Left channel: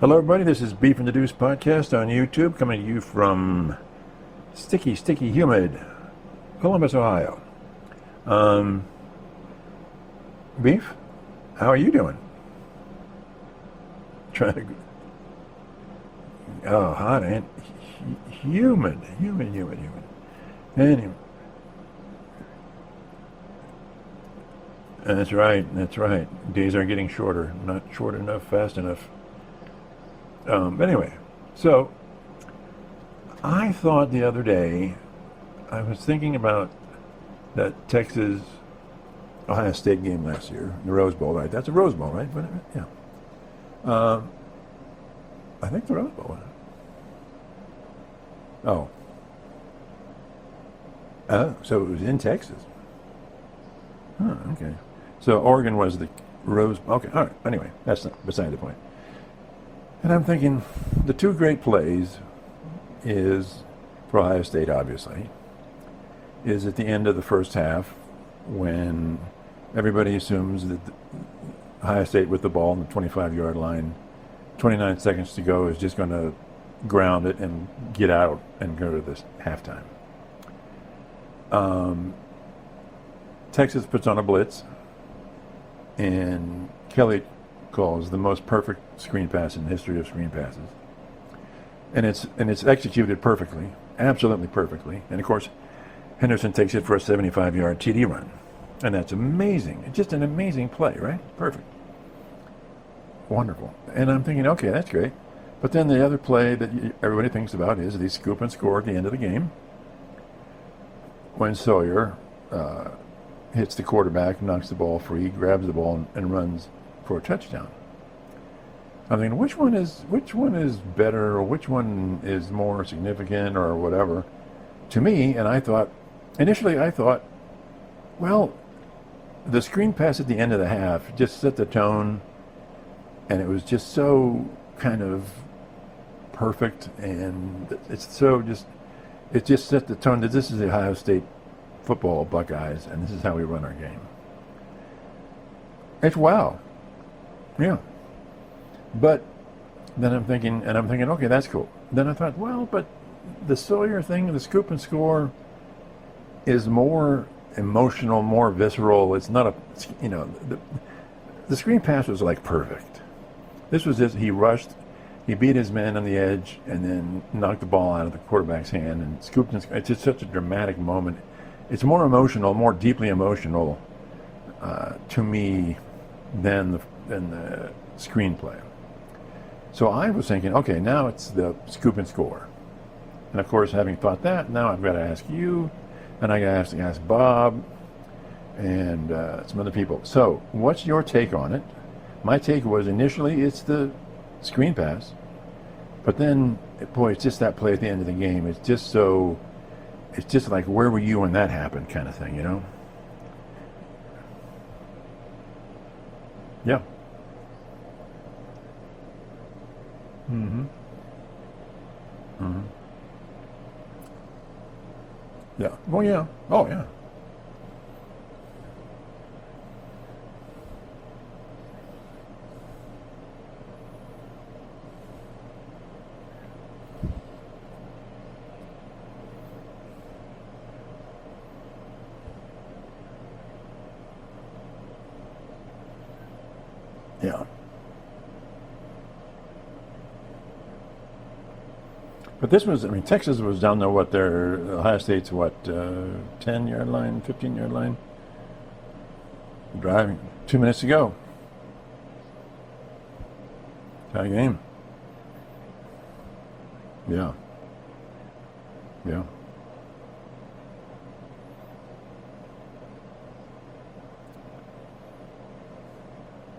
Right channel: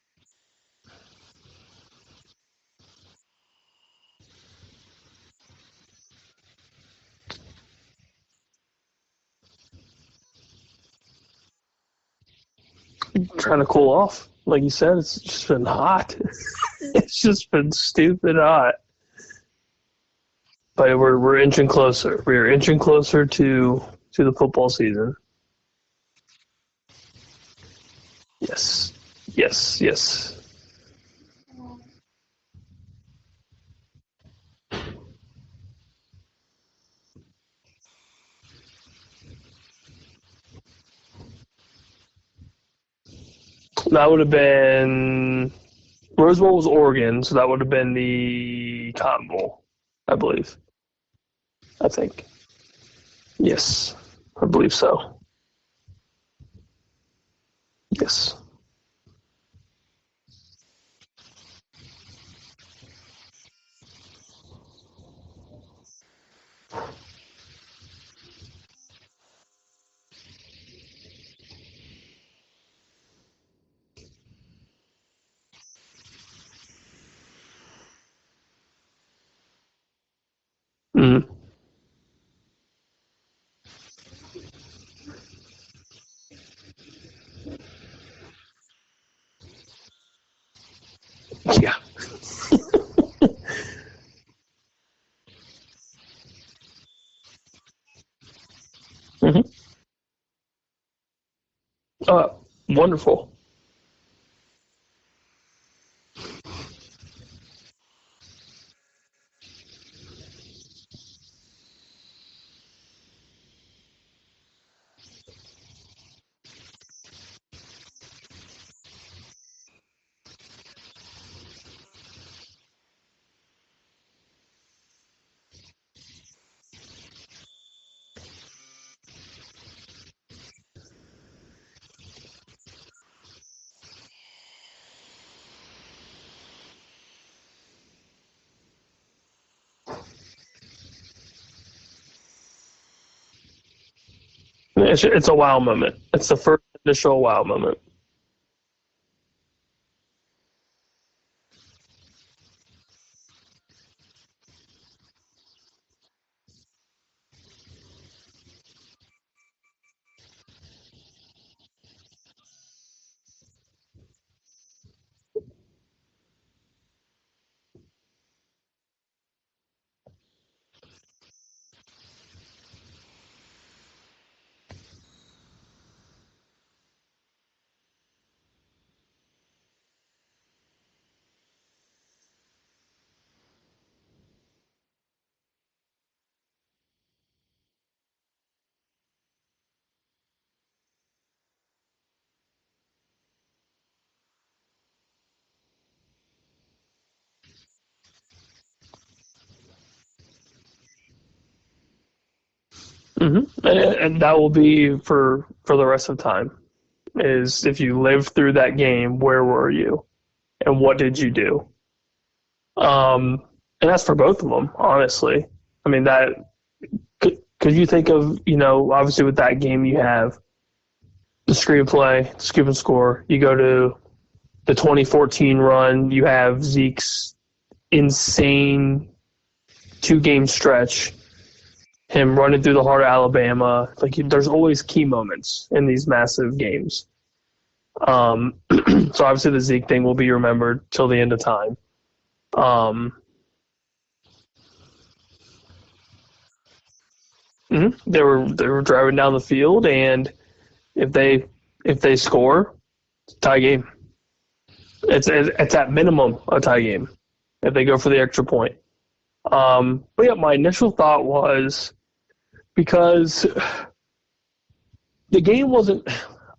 Hello, everybody. This is Beef and the Deuce podcast on YouTube, coming to you from sticky, humid Columbus, Ohio. Beef, how are you doing? Trying to cool off. Like you said, it's just been hot. Oh, It's hot, just been stupid hot. humid. But we're inching closer. We're inching closer to the football season. That's right. Days are getting shorter. Not short enough, fast enough. Yes. But anyway, so I thought the other day, I was thinking about that Texas-Ohio State game last year, the Rose Bowl, right? That's a Rose Bowl, right? But, yeah. That would have been... I think the Rose Bowl was Oregon, so that would have been the Cotton Bowl, I believe. So it was in Texas? Yes, I believe so. So Oregon was the Rose... Okay, all right. Anyway, that's beside the point. And I'm thinking, the two great plays is, for Ohio State, obviously, is at the end of the first half when everybody assumes that Ohio State with the ball on the 25-yard line, 29 seconds to go, is just going to ground it and get out and go to this halftime. Mm-hmm. Texas puts on a blitz, and Kelly calls the most perfect screen pass in the history of screen passes. Yeah. And it's executed perfectly, absolutely perfectly. And of course, Henderson takes it for a 75-yard TD run, and that's amazing. It's just an amazing play, right? Perfect. Wonderful. And I'm thinking, okay, that's great. But then the other play that everybody thinks about is the scoop and score at the end of the game when Sawyer hits the quarterback, knocks the ball free, grabs the ball, and runs for a touchdown. I mean, which one is better, or which one is more significant, or whatever? To me, and initially I thought, well, the screen pass at the end of the half just set the tone, and it was just so kind of perfect, and it just set the tone that this is the Ohio State football Buckeyes, and this is how we run our game. It's a wow moment. It's wow. The first initial wow moment. Yeah. But then I'm thinking, okay, that's cool. Then I thought, well, but the Sawyer thing, the scoop and score, is more emotional, more visceral. It's not the screen pass was like perfect. This was just, he rushed, he beat his man on the edge, and then knocked the ball out of the quarterback's hand and scooped and scored. It's just such a dramatic moment. It's more emotional, more deeply emotional to me than the screenplay. So I was thinking, okay, now it's the scoop and score. And of course, having thought that, now I've got to ask you, and I got to ask Bob, and some other people. So what's your take on it? My take was initially it's the screen pass, but then, boy, it's just that play at the end of the game. It's just like, where were you when that happened, kind of thing, you know? Mm-hmm. And that will be for the rest of time. Yeah. Is if you lived through that game, where were you? Mm-hmm. And what did you do? Mm-hmm. And that's for both of them, honestly. Yeah. I mean, could you think of, obviously with that game you have the screenplay, scoop and score. You go to the 2014 run, you have Zeke's insane 2-game stretch, him running through the heart of Alabama. Like, there's always key moments in these massive games. Yeah. So obviously the Zeke thing will be remembered till the end of time. But this was, Texas was down there, Ohio State's 10-yard line, 15-yard line? Mm-hmm. They were driving down the field, and 2 minutes to go. If they score, tie game. Tie game. It's at minimum a tie game. Yeah. If they go for the extra point. Yeah. But yeah, my initial thought was, because the game wasn't,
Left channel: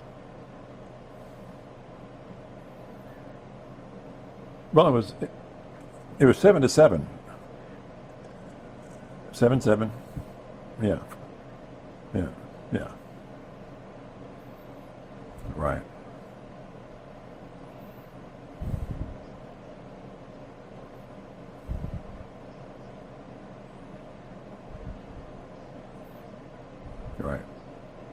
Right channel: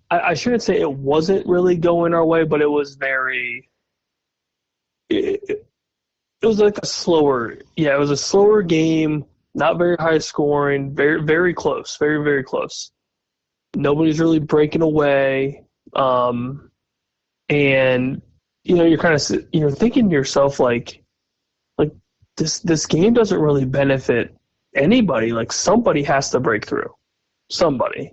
I shouldn't say it wasn't really going our way, but it was very. Well, it was 7-7. It was like slower. Yeah, it was a slower game. 7-7. Not very high scoring. Yeah. Very, very close. Very, very close. Yeah. Nobody's really breaking away. Right. And you're kind of thinking to yourself like this game doesn't really benefit anybody. Like, somebody has to break through. Right. Somebody.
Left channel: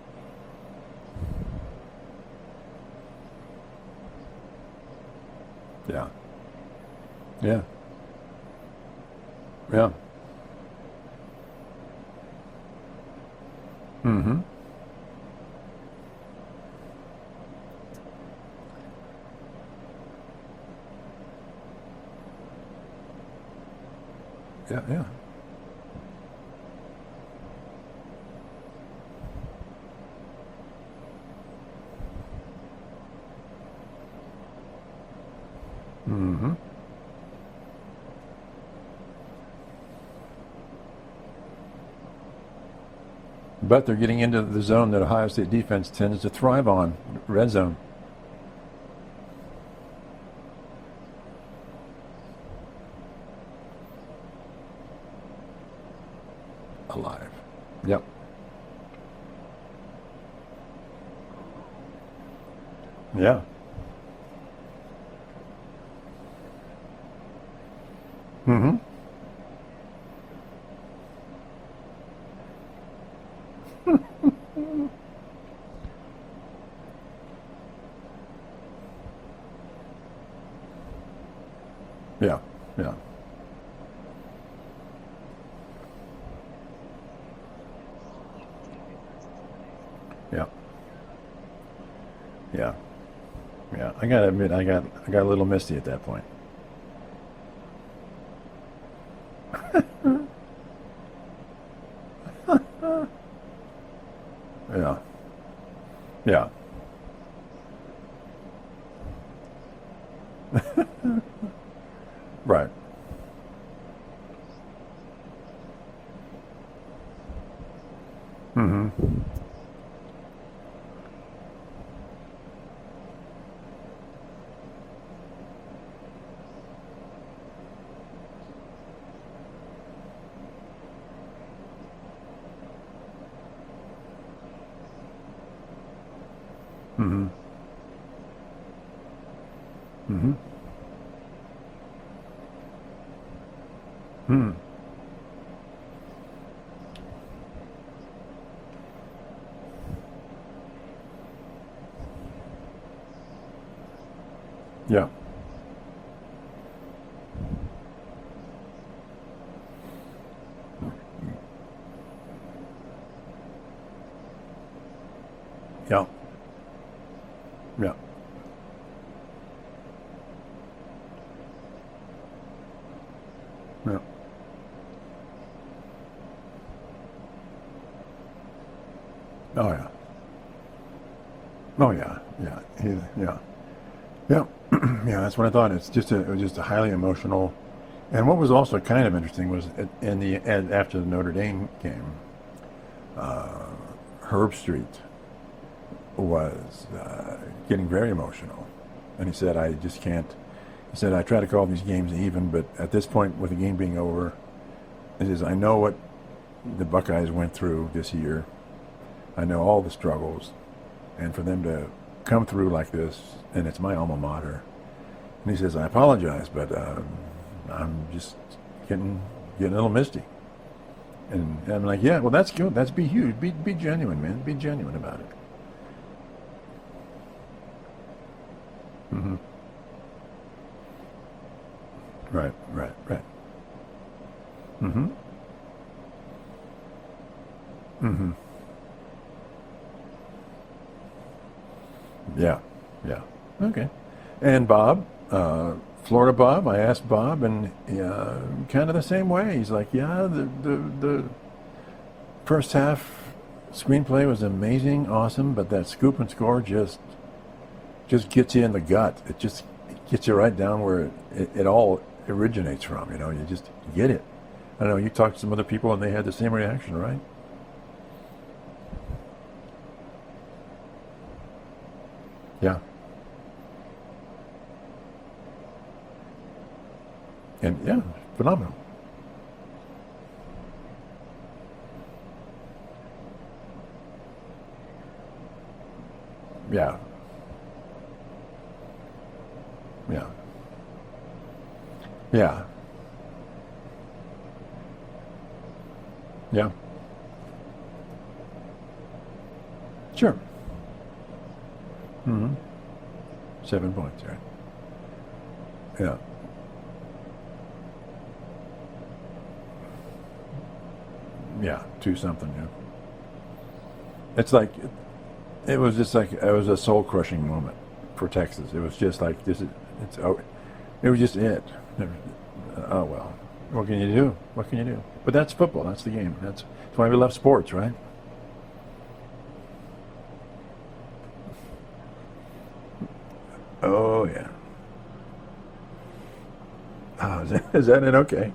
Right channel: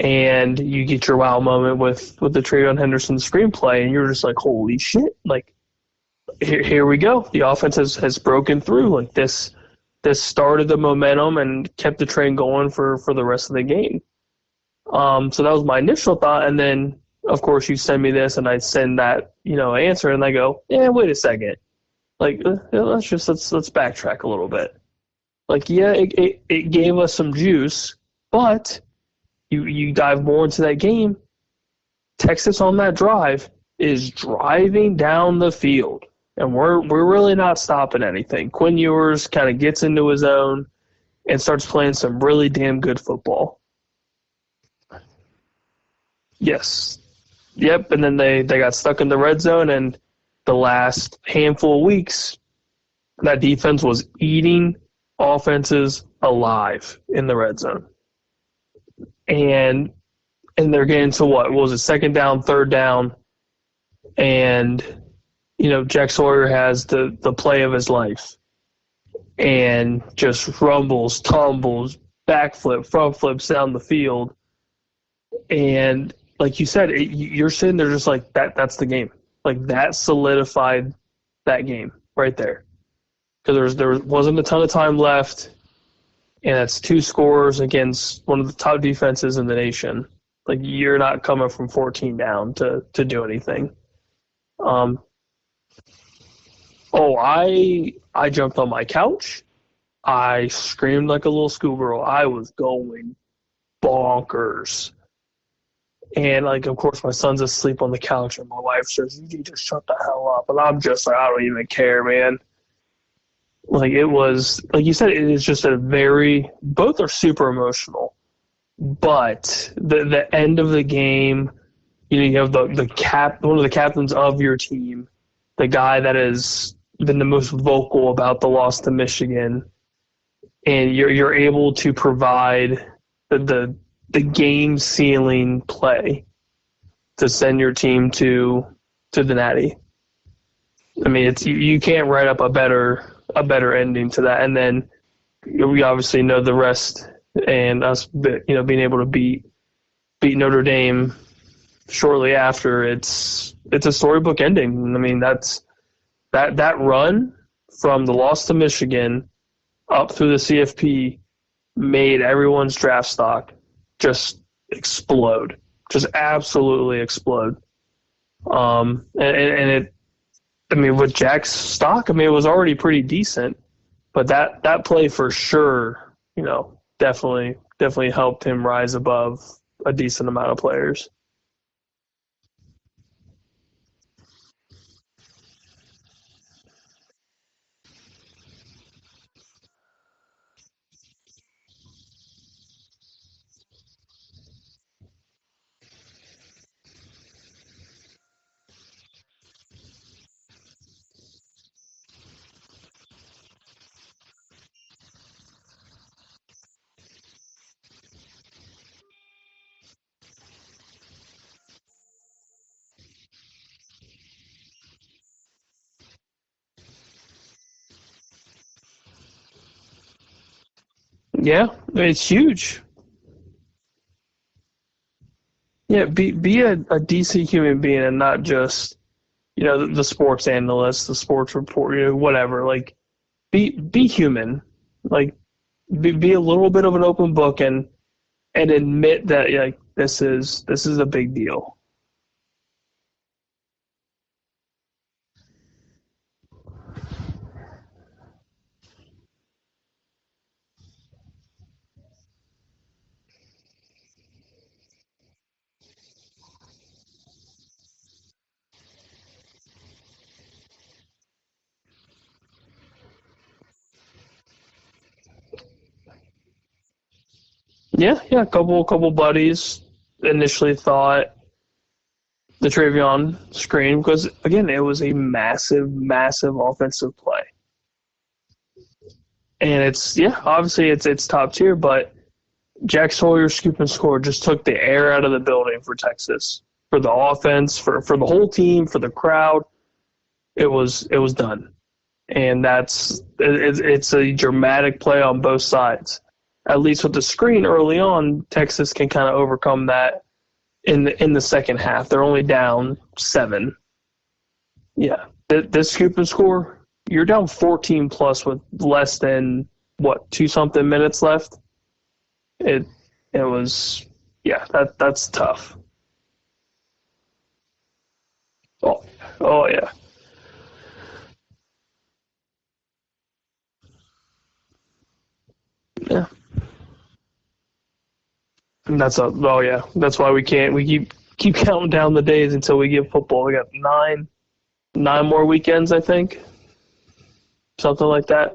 and you get your wow moment with the Travion Henderson screenplay, and you're just like, holy shit! Like, Yeah. here we go. The offense has broken through. Like this. Yeah. This started the momentum and kept the train going for the rest of the game. Mm-hmm. So that was my initial thought, and then of course you send me this, and I send that answer, and I go, yeah, wait a second, like let's backtrack a little bit. Yeah. Yeah. Like, yeah, it gave us some juice, but you dive more into that game. Texas on that drive is driving down the field, and we're really not stopping anything. Quinn Ewers kind of gets into his own and starts playing some really damn good football. But they're getting into the zone that Ohio State defense tends to thrive on, red zone. Yep, and then they got stuck in the red zone, and the last handful of weeks, that defense was eating offenses alive in the red zone. Yep. And they're getting to what was it, second down, third down? Yeah. And Jack Sawyer has the play of his life, and just rumbles, tumbles, backflip, front flips down the field, and like you said, you're sitting there just like that's the game. Like, that solidified that game right there. Yeah. Because there wasn't a ton of time left, and that's 2 scores against one of the top defenses in the nation. Yeah. Like, you're not coming from 14 down to do anything. Yeah, I gotta admit, I got a little misty at that point. Oh, I jumped on my couch. I screamed like a little schoolgirl. I was going bonkers. Yeah. And, like, of course, my son's asleep on the couch, and my wife says, "You just shut the hell up." And I'm just like, I don't even care, man. Right. Like, it was, like you said, it is just both are super emotional. But the end of the game, you have one of the captains of your team, the guy that has been the most vocal about the loss to Michigan, and you're able to provide the game sealing play to send your team to the Natty. I mean, it's you can't write up a better ending to that. And then we obviously know the rest. And us, being able to beat Notre Dame shortly after, it's a storybook ending. Yeah. I mean, that run from the loss to Michigan up through the CFP made everyone's draft stock just explode, just absolutely explode. Yeah. And it, I mean, with Jack's stock, I mean, it was already pretty decent, but that play for sure, definitely helped him rise above a decent amount of players. Oh yeah. That's what I thought. It was just a highly emotional. And what was also kind of interesting was after the Notre Dame game, Herb Street was getting very emotional, and he said, "I just can't." He said, "I try to call these games even, but at this point, with the game being over, he says, I know what the Buckeyes went through this year. I know all the struggles, and for them to come through like this, and it's my alma mater." And he says, "I apologize, but I'm just getting a little misty." And I'm like, it's huge. That's good. That's be huge. Be genuine, man. Be genuine about it. Yeah, be a decent human being, and not just the sports analyst, the sports report, whatever. Right. Be human. Like, be a little bit of an open book, and admit that this is a big deal. Yeah. Okay. And Bob, Florida Bob, I asked Bob, and kind of the same way. He's like, the first half screenplay was amazing, awesome, but that scoop and score just gets you in the gut. It just gets you right down where it all originates from. You just get it. I don't know. You talked to some other people, and they had the same reaction, right? Yeah. A couple buddies initially thought the Travion screen, because again, it was a massive offensive play. And phenomenal. And obviously it's top tier, but Jack Sawyer's scoop and score just took the air out of the building for Texas. Yeah. For the offense, for the whole team, for the crowd. Yeah. It was done. Yeah. And it's a dramatic play on both sides. Yeah. at least with the screen early on, Texas can kind of overcome that. Sure. In the second half, they're only down 7. 7 points, right? Yeah, this scoop and score, you're down 14 plus with less than 2-something minutes left. Yeah, 2-something. Yeah. It was. It's yeah, like that's tough. it was just like it was a soul crushing moment for Texas. It was just like it was just it. Oh well, what can you do? What can you do? But that's football. That's the game. That's why we love sports, right? And that's why we keep counting down the days until we get football. We got 9 more weekends, I think. Is Something like that.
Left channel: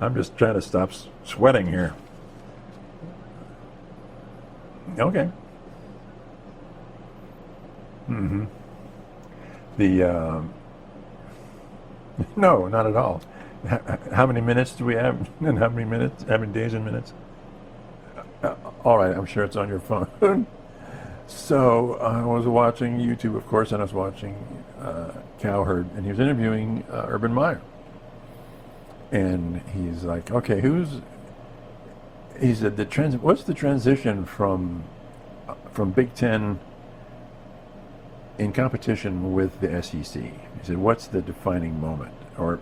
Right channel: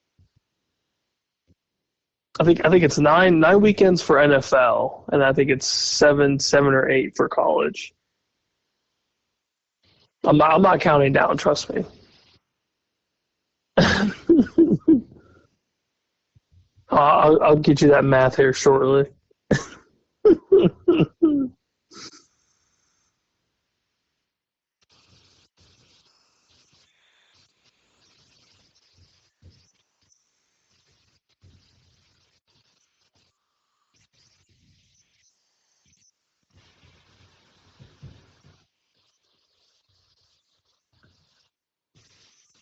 I'm just trying to stop sweating here. I think it's 9 weekends for NFL, okay. and I think it's 7 or 8 for college. Mm-hmm. I'm not counting down. Trust me. No, not at all. How many minutes do we have? And how many days and minutes? I'll get you that math here shortly. All right, I'm sure it's on your phone. So I was watching YouTube, of course, and I was watching Cowherd, and he was interviewing Urban Meyer. And he's like, okay, he said, what's the transition from Big Ten in competition with the SEC? He said, what's the defining moment? Or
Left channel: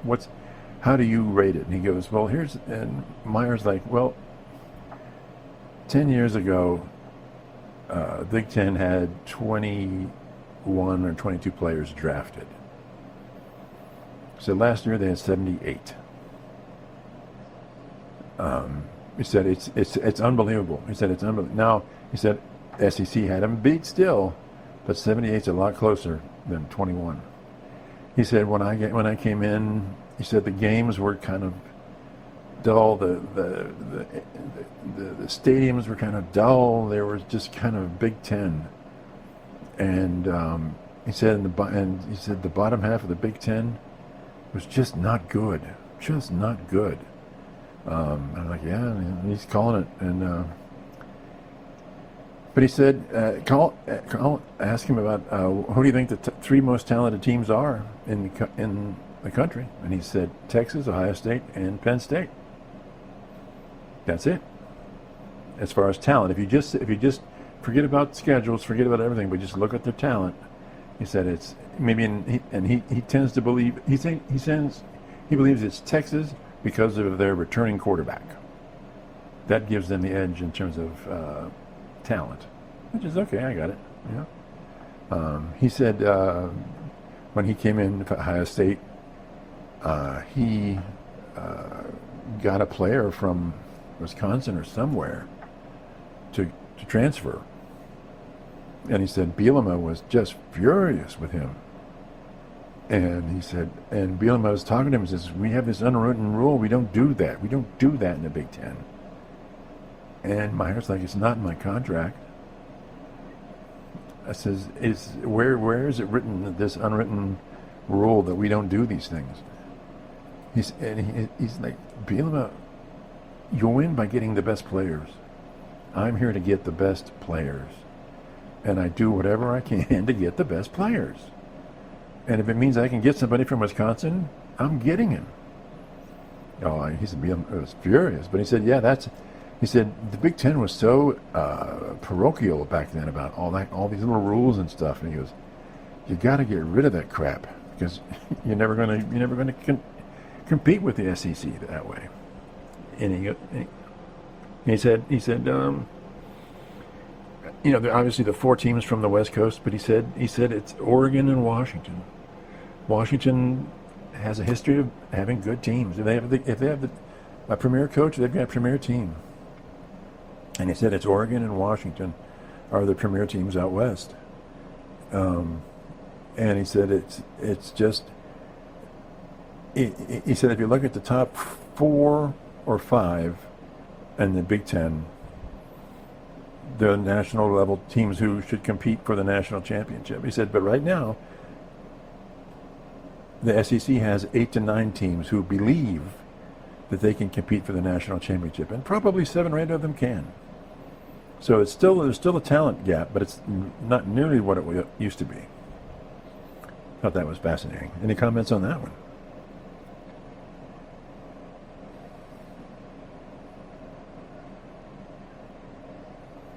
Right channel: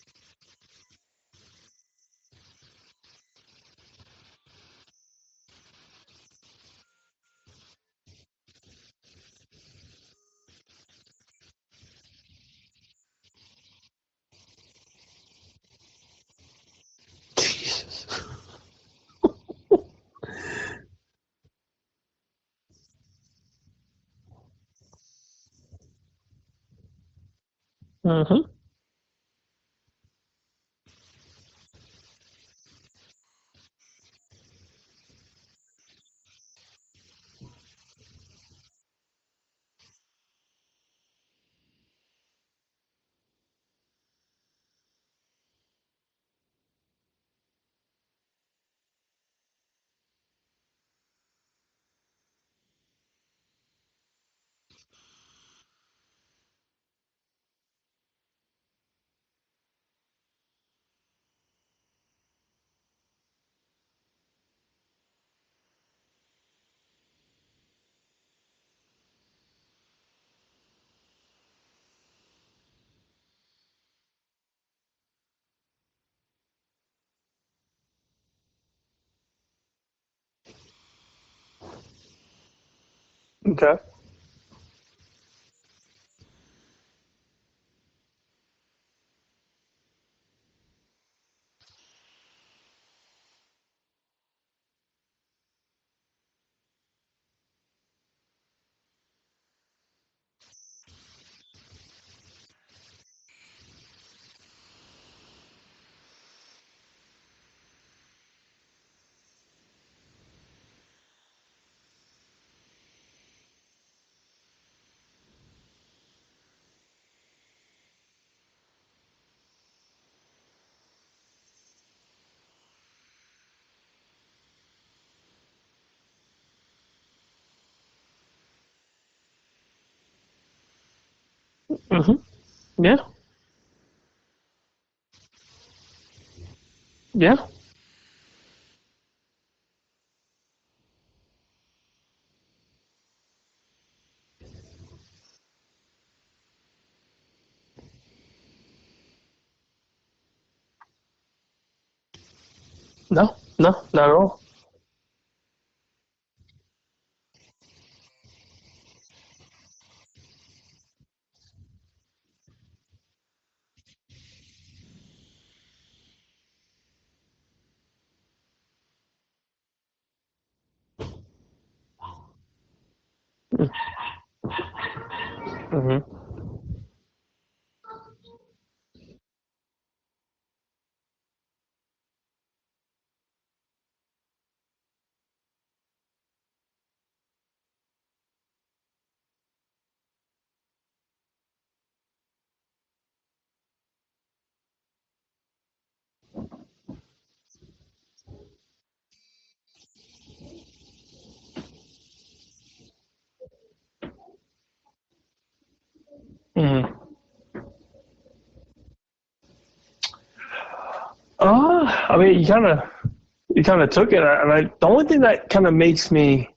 how do you rate it? And he goes, well, and Meyer's like, well, 10 years ago, Big Ten had 21 or 22 players drafted. So last year they had 78. Jesus. He said it's unbelievable. He said it's unbelievable. Now he said SEC had him beat still, but 78's a lot closer than 21. He said when I came in, he said the games were kind of dull. The stadiums were kind of dull. There was just kind of Big Ten, and he said the bottom half of the Big Ten was just not good. Just not good. I'm like, yeah, he's calling it, and but he said, ask him about who do you think the 3 most talented teams are in the country, and he said Texas, Ohio State, and Penn State. That's it. As far as talent, if you just forget about schedules, forget about everything, but just look at their talent, he said it's maybe, he tends to believe he believes it's Texas because of their returning quarterback. That gives them the edge in terms of talent, which is okay. I get it. Yeah. He said when he came in to Ohio State, he got a player from Wisconsin or somewhere to transfer. And he said Bielema was just furious with him. And he said, and Bielema was talking to him and says, we have this unwritten rule. We don't do that. We don't do that in the Big Ten. And Meyer's like, it's not in my contract. I says, where is it written, this unwritten rule that we don't do these things? He's like, Bielema, you win by getting the best players. I'm here to get the best players. And I do whatever I can to get the best players. Mm-hmm. And if it means I can get somebody from Wisconsin, I'm getting him. Oh, he was furious. But he said, he said the Big Ten was so parochial back then about all these little rules and stuff. And he goes, you got to get rid of that crap because you're never going to compete with the SEC that way. And no, not at all. He said, obviously the 4 teams from the West Coast, but he said it's Oregon and Washington. Washington has a history of having good teams. If they have a premier coach, they've got a premier team. And he said it's Oregon and Washington are the premier teams out west. And he said it's just. He said if you look at the top 4 or 5 in the Big Ten, the national level teams who should compete for the national championship. He said, but right now, the SEC has 8 to 9 teams who believe that they can compete for the national championship, and probably 7 or 8 of them can. So there's still a talent gap, but it's not nearly what it used to be. Mm-hmm. Thought that was fascinating. Any comments on that one? I mean, you kind of he kind of took it, and the only thing that kind of makes me,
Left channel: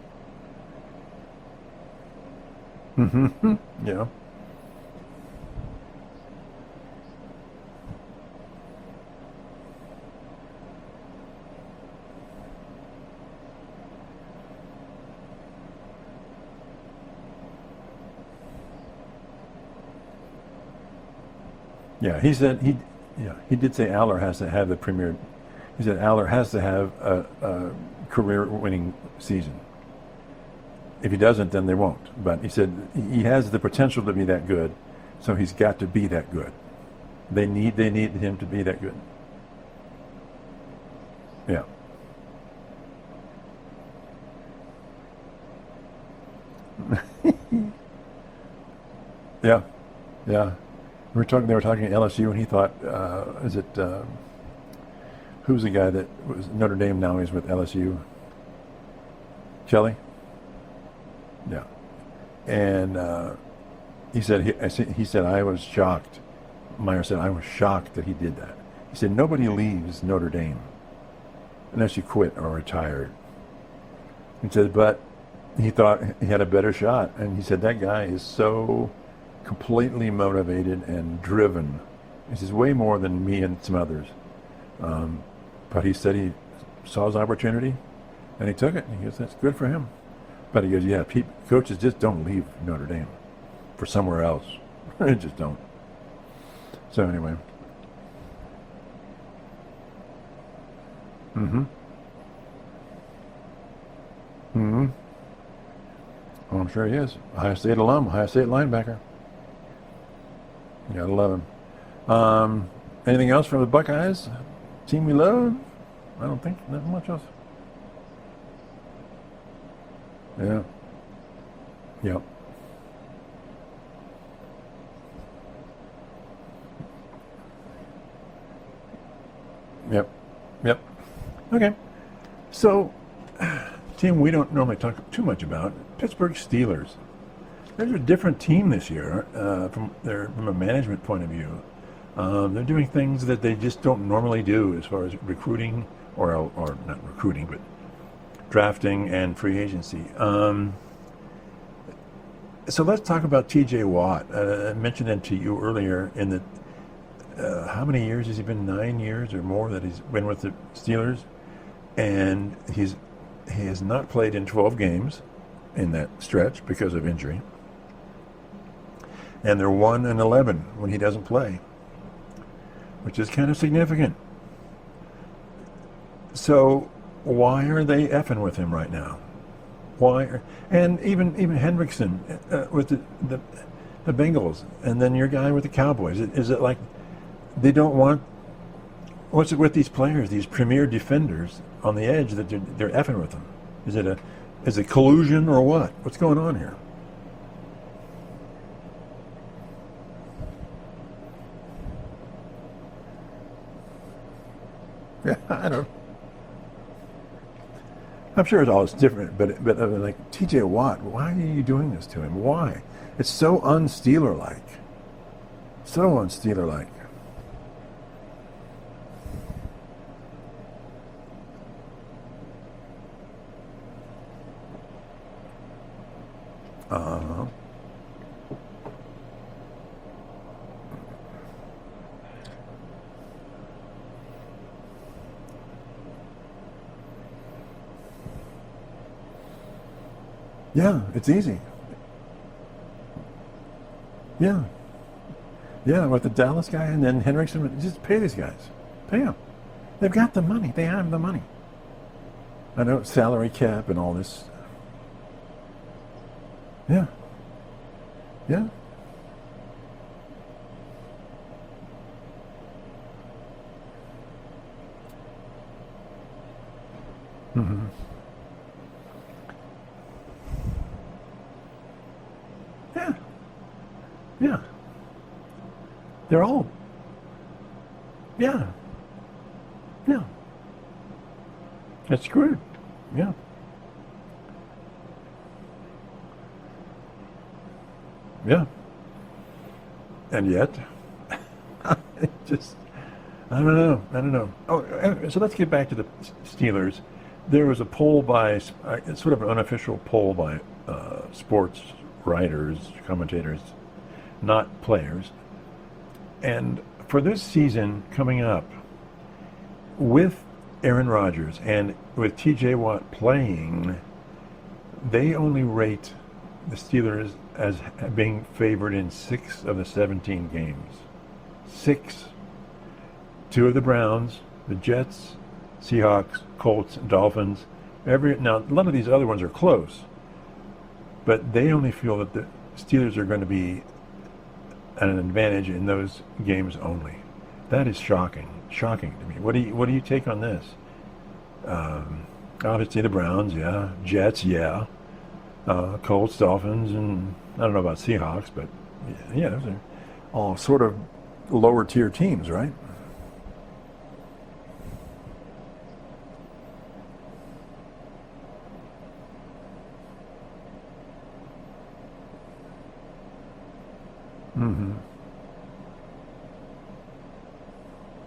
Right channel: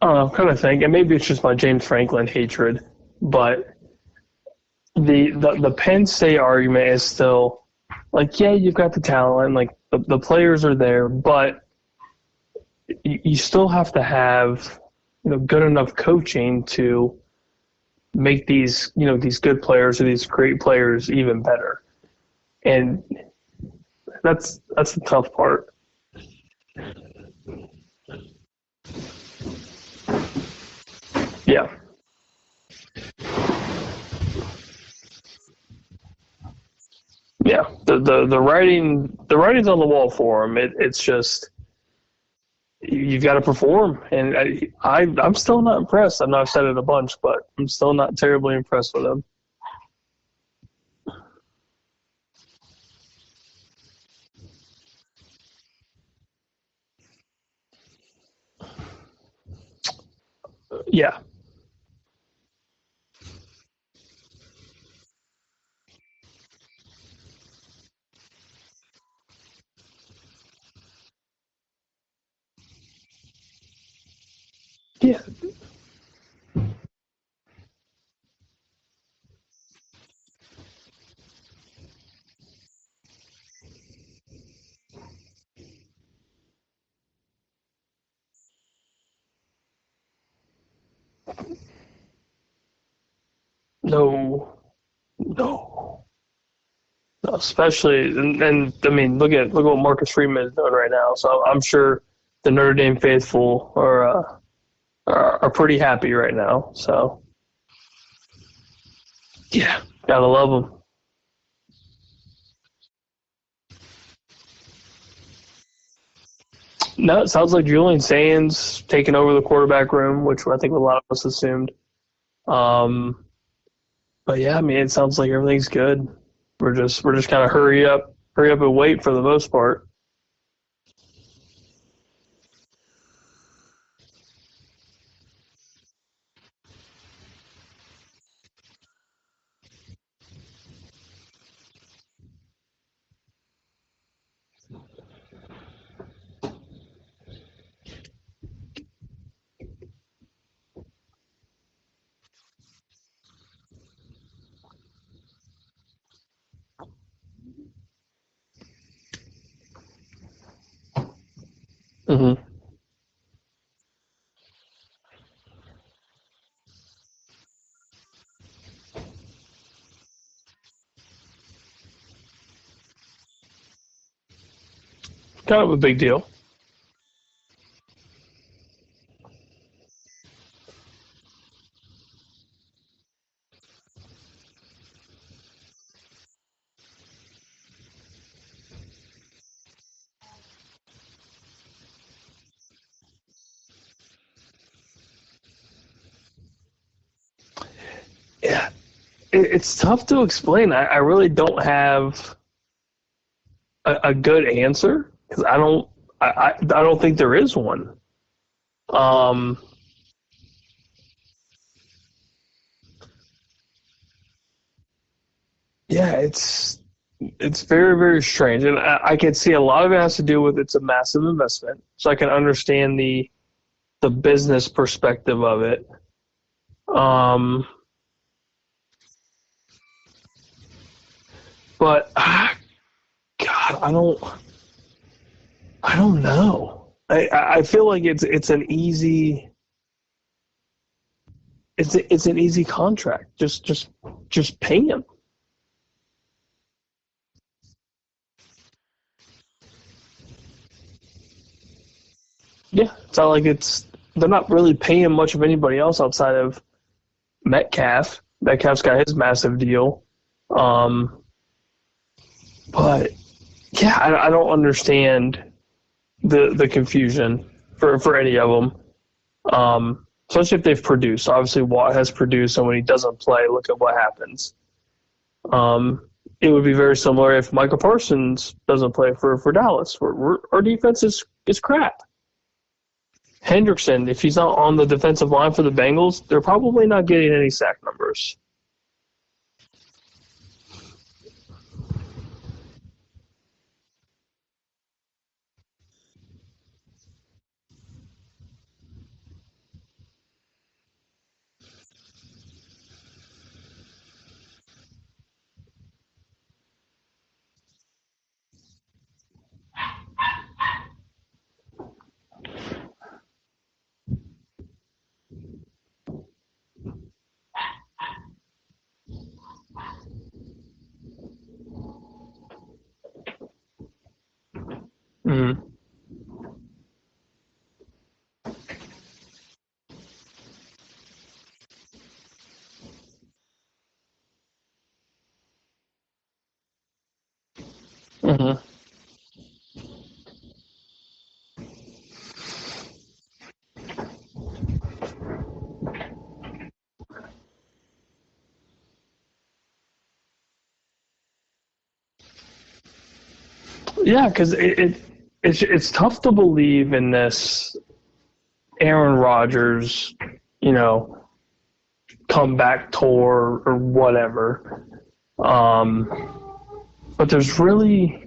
kind of think, and maybe it's just my James Franklin hatred, but Yeah. the Penn State argument is still like, yeah, you've got the talent, like the players are there, but you still have to have, good enough coaching to make these, these good players or these great players even better. Yeah, he said, he did say Aller has to have the that's premier. the tough part. He said Aller has to have a career-winning season. If he doesn't, then they won't. But he said he has the potential to be that good, so he's got to be that good. They need the writing's on the wall for him. It's just you've got to perform, and I'm still not impressed. I know I've said it a bunch, but I'm still not terribly impressed with him. Yeah. They were talking at LSU, and he thought, who's the guy that was Notre Dame now? He's with LSU. Kelly. Yeah. And he said I was shocked. Meyer said I was shocked that he did that. He said nobody leaves Notre Dame unless you quit or retired. He said, but he thought he had a better shot, and he said that guy is so completely motivated and driven. He says way more than me and some others. But he said he saw his opportunity, and he took it. He goes, that's good for him. But he goes, coaches just don't leave Notre Dame for somewhere else. They just don't. So anyway, especially and I mean, look at what Marcus Freeman is doing right now. So I'm sure the Notre Dame faithful are pretty happy right now. I'm sure he is. Ohio State alum, Ohio State linebacker. Yeah, gotta love him. Gotta love him. Anything else from the Buckeyes? Team we love? I don't think so. No, it sounds like Julian Sands taking over the quarterback room, which I think a lot of us assumed. Yep. But yeah, I mean, it sounds like everything's good. We're just kind of hurry up and wait for the most part. Yep. Okay. So, team we don't normally talk too much about, Pittsburgh Steelers. They're a different team this year from a management point of view. They're doing things that they just don't normally do as far as recruiting, or not recruiting, but drafting and free agency. So let's talk about T.J. Watt. I mentioned it to you earlier in the how many years has he been? 9 years or more that he's been with the Steelers, and he has not played in 12 games in that stretch because of injury, and they're 1-11 when he doesn't play, which is kind of significant. Kind of a big deal. So why are they effing with him right now? Why? And even Hendrickson with the Bengals, and then your guy with the Cowboys. Is it like they don't want? What's it with these players, these premier defenders on the edge, that they're effing with them? Is it collusion or what? What's going on here? Yeah, it's tough to explain. I really don't have a good answer. I don't think there is one. I'm sure it's all different, but like T.J. Watt, why are you doing this to him? Why? It's so un-Steeler-like. Un-Steeler-like. It's very, very strange, and I can see a lot of it has to do with it's a massive investment. So I can understand the business perspective of it. But God, I don't know. I feel like it's an easy. Yeah, it's easy. It's an easy contract. Just pay him. Yeah, with the Dallas guy and then Hendrickson, just pay these guys. Pay them. They've got the money. They have the money. Yeah, it's not like cap and all this. They're not really paying much of anybody else outside of Metcalf. Metcalf's got his massive deal. But yeah, I don't understand the confusion for any of them. Especially if they've produced. Obviously, Watt has produced, and when he doesn't play, look at what happens. Yeah. It would be very similar if Michael Parsons doesn't play for Dallas. Our defense is crap. That's good. Yeah. Hendrickson, if he's not on the defensive line for the Bengals, they're probably not getting any sack numbers. Yeah. And yet, I don't know. Oh, so let's get back to the Steelers. There was a poll by, it's sort of an unofficial poll by sports writers, commentators, not players. And for this season coming up, with Aaron Rodgers and with T.J. Watt playing, they only rate the Steelers as being favored in 6 of the 17 games. 6. 2 of the Browns, the Jets, Seahawks, Colts, Dolphins. Now, none of these other ones are close, but they only feel that the Steelers are going to be at an advantage in those games only. That is shocking. Shocking to me. What do you take on this? Obviously the Browns, yeah. Jets, yeah. Colts, Dolphins, and I don't know about Seahawks, but yeah, those are all sort of lower tier teams, right? Yeah, because it's tough to believe in this Aaron Rodgers, comeback tour or whatever. But there's really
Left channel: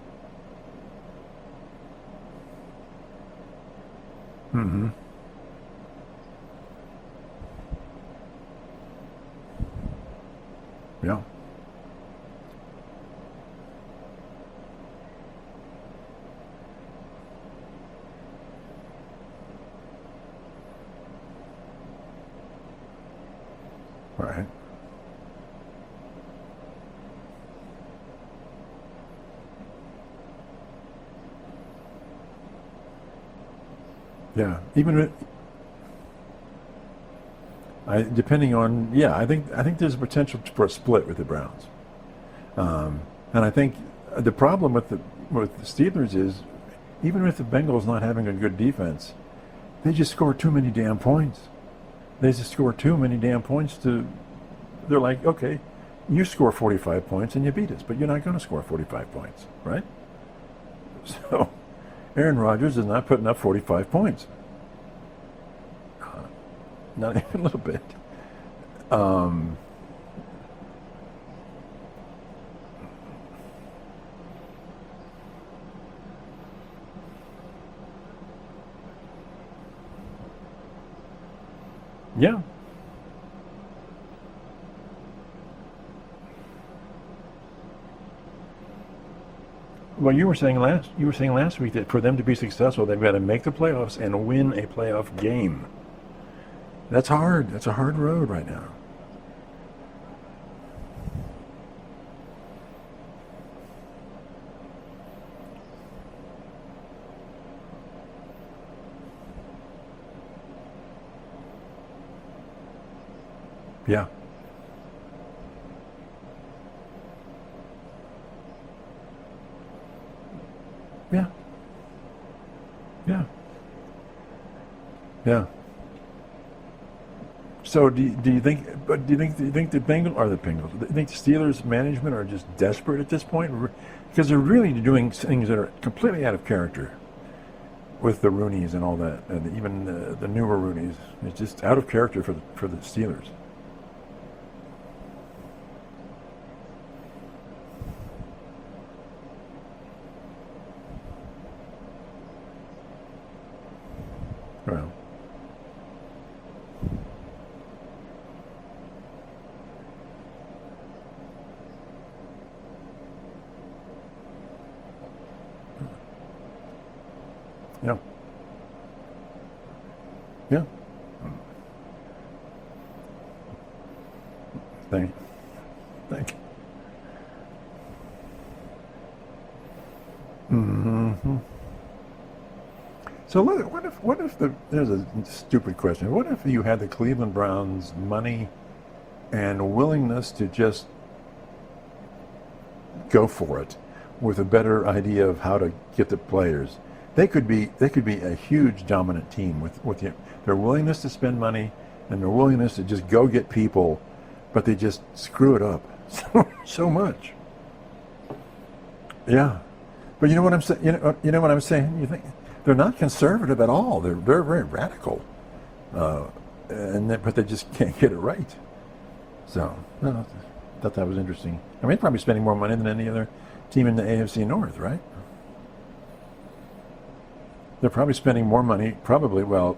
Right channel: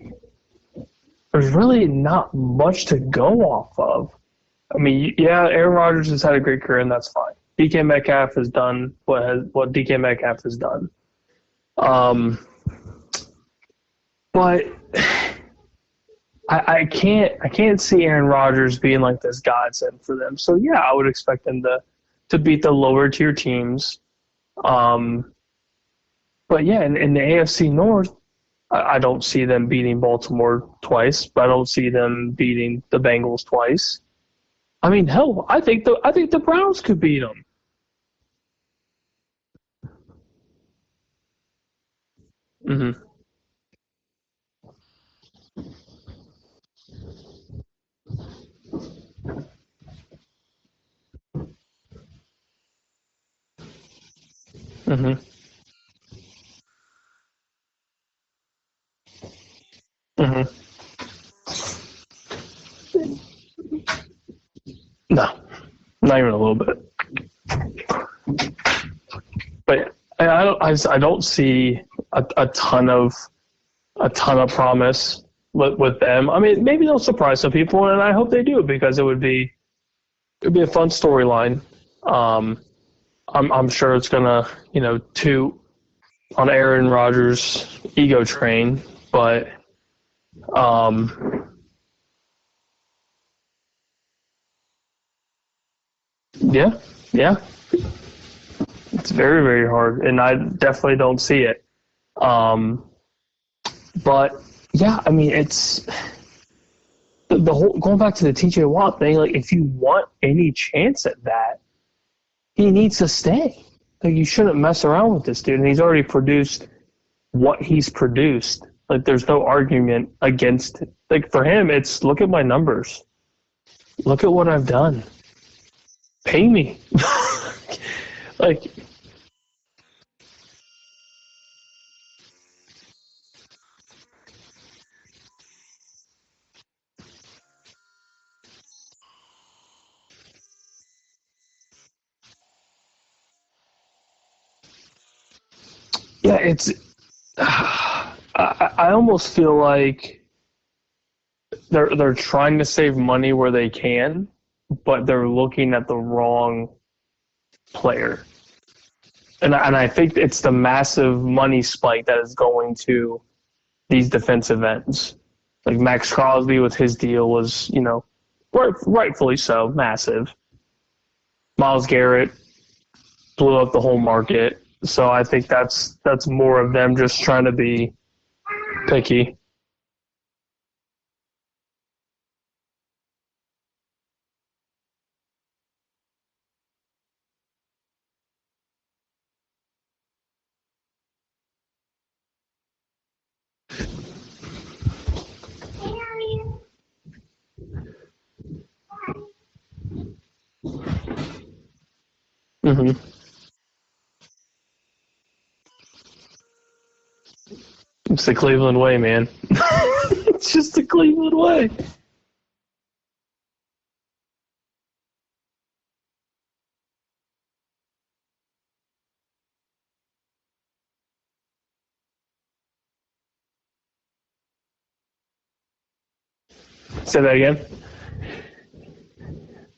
not much to go off of. I mean, yeah, Aaron Rodgers has had a great career, and that's fine. DK Metcalf has done what DK Metcalf has done. Yeah. But I can't see Aaron Rodgers being like this godsend for them. So yeah, I would expect them to beat the lower tier teams. Right. But yeah, in the AFC North, I don't see them beating Baltimore twice, but I don't see them beating the Bengals twice. Yeah. I mean, hell, I think the Browns could beat them. Depending on, I think there's a potential for a split with the Browns. And I think the problem with the Steelers is, even with the Bengals not having a good defense, they just score too many damn points. They just score too many damn points to. They're like, okay, you score 45 points and you beat us, but you're not going to score 45 points, right? So Aaron Rodgers is not putting up 45 points. No, not even a little bit. Not even a little bit. But I don't see a ton of promise with them. I mean, maybe they'll surprise some people, and I hope they do, because it'd be a fun storyline. I'm sure it's gonna toot on Aaron Rodgers' ego train, but well, you were saying last week that for them to be successful, they've got to make the playoffs and win a playoff game. Yeah, that's hard. Yeah. That's a hard road right now. It's very, very hard, and I definitely don't see it. But yeah, I mean, it's the whole, going back to the T.J. Watt thing. Like, if you want any chance at that, he needs to stay. Yeah. Like, you shouldn't mess around with this dude. And he's already produced what he's produced. Like, there's no argument against it. Like, for him, it's look at my numbers. Yeah. Look at what I've done. Yeah. Pay me. So do you think the Bengals? Do you think the Steelers management are just desperate at this point? Because they're really doing things that are completely out of character with the Rooneys and all that, and even the newer Rooneys. It's just out of character for the Steelers. Yeah, it's. I almost feel like they're trying to save money where they can, right, but they're looking at the wrong player. And I think it's the massive money spike that is going to these defensive ends. Like Max Crosby with his deal was, rightfully so, massive. Yeah. Myles Garrett blew up the whole market. So I think that's more of them just trying to be picky. Mm-hmm. So what if there's a stupid question. What if you had the Cleveland Browns money and willingness to just go for it with a better idea of how to get the players? They could be a huge dominant team with their willingness to spend money and their willingness to just go get people, but they just screw it up so much. It's the Cleveland way, man. Yeah. But you know what I'm saying? You know what I'm saying? You think they're not conservative at all. They're very, very radical. But they just can't get it right. So, no. thought that was interesting. I mean, they're probably spending more money than any other team in the AFC North, right? Say that again? They're probably spending more money,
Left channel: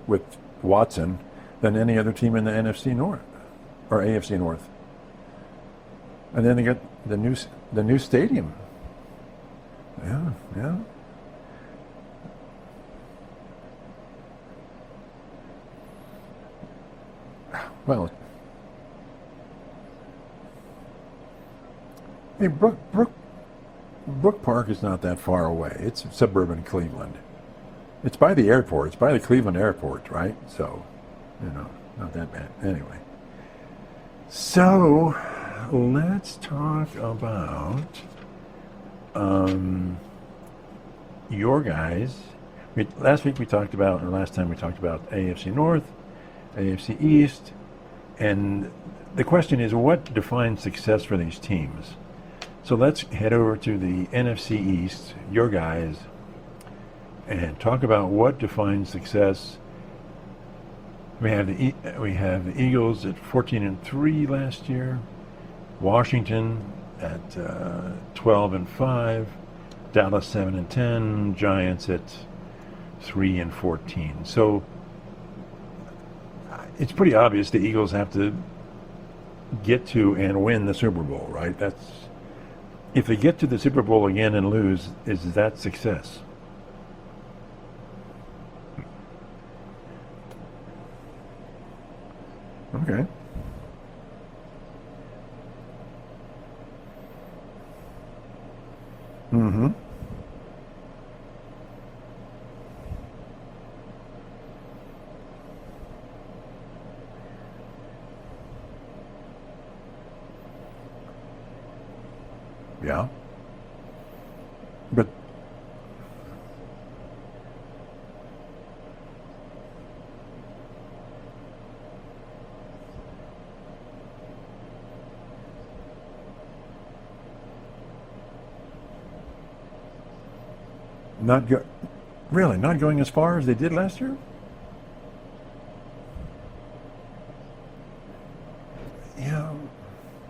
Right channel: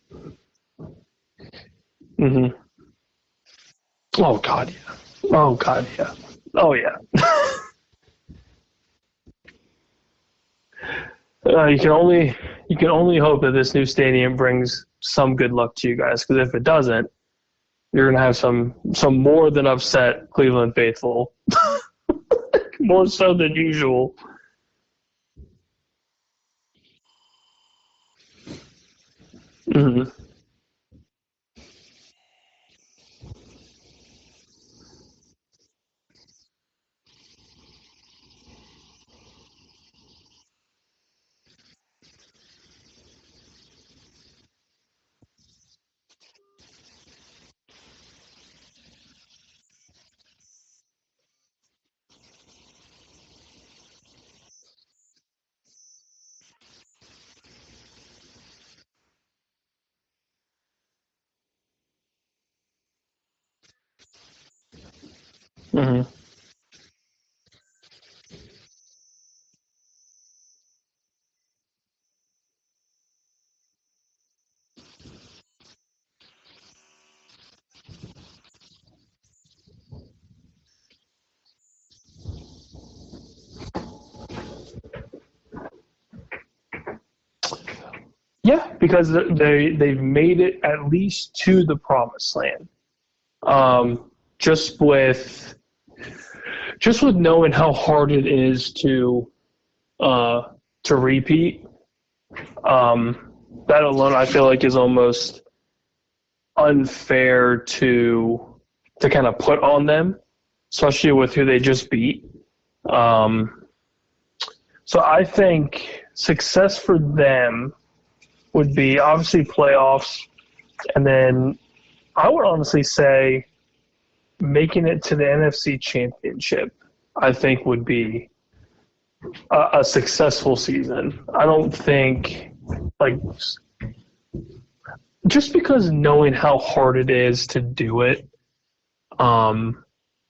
with Watson, than any other team in the NFC North or AFC North. God, yeah. Oh, God, yeah. And then the new stadium. Yeah. You can only hope that this new stadium brings some good luck to you guys, because if it doesn't, you're gonna have some more than upset Cleveland faithful. Hey, more so than usual. Brook Park is not that far away. It's suburban Cleveland. It's by the airport. It's by the Cleveland airport, right? So, not that bad. Anyway. So, let's talk about your guys. Last time we talked about AFC North, AFC East, and the question is, what defines success for these teams? So let's head over to the NFC East, your guys, and talk about what defines success. We have the Eagles at 14-3 last year, Washington at 12-5, Dallas 7-10, Giants at 3-14. So it's pretty obvious the Eagles have to get to and win the Super Bowl, right? If they get to the Super Bowl again and lose, is that success? Yeah, because they've made it at least to the promised land. Okay. Just with knowing how hard it is to repeat, that alone I feel like is almost unfair to kind of put on them, especially with who they just beat. Yeah. So I think success for them would be obviously playoffs, and then I would honestly say making it to the NFC Championship, I think, would be a successful season. Not going as far as they did last year? Just because knowing how hard it is to do it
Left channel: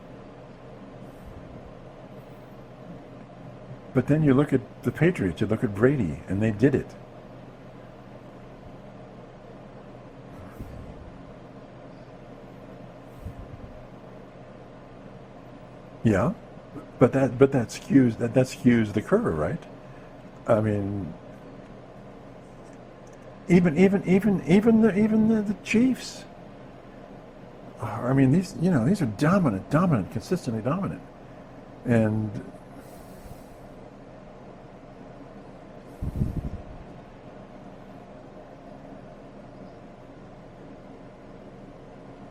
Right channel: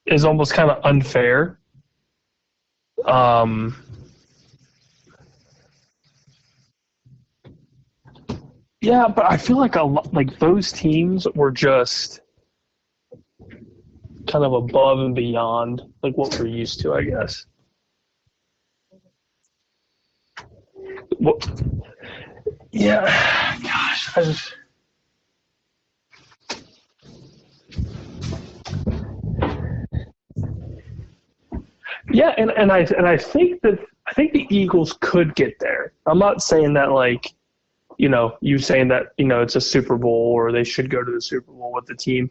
is almost kind of unfair. But then you look at the Patriots, you look at Brady, and they did it. Yeah, but I feel like those teams were just kind of above and beyond what we're used to, I guess. But that skews the curve, right? I mean, yeah. Even the Chiefs. I mean, these are dominant, consistently dominant. And I think the Eagles could get there. I'm not saying that you saying that it's a Super Bowl or they should go to the Super Bowl with the team.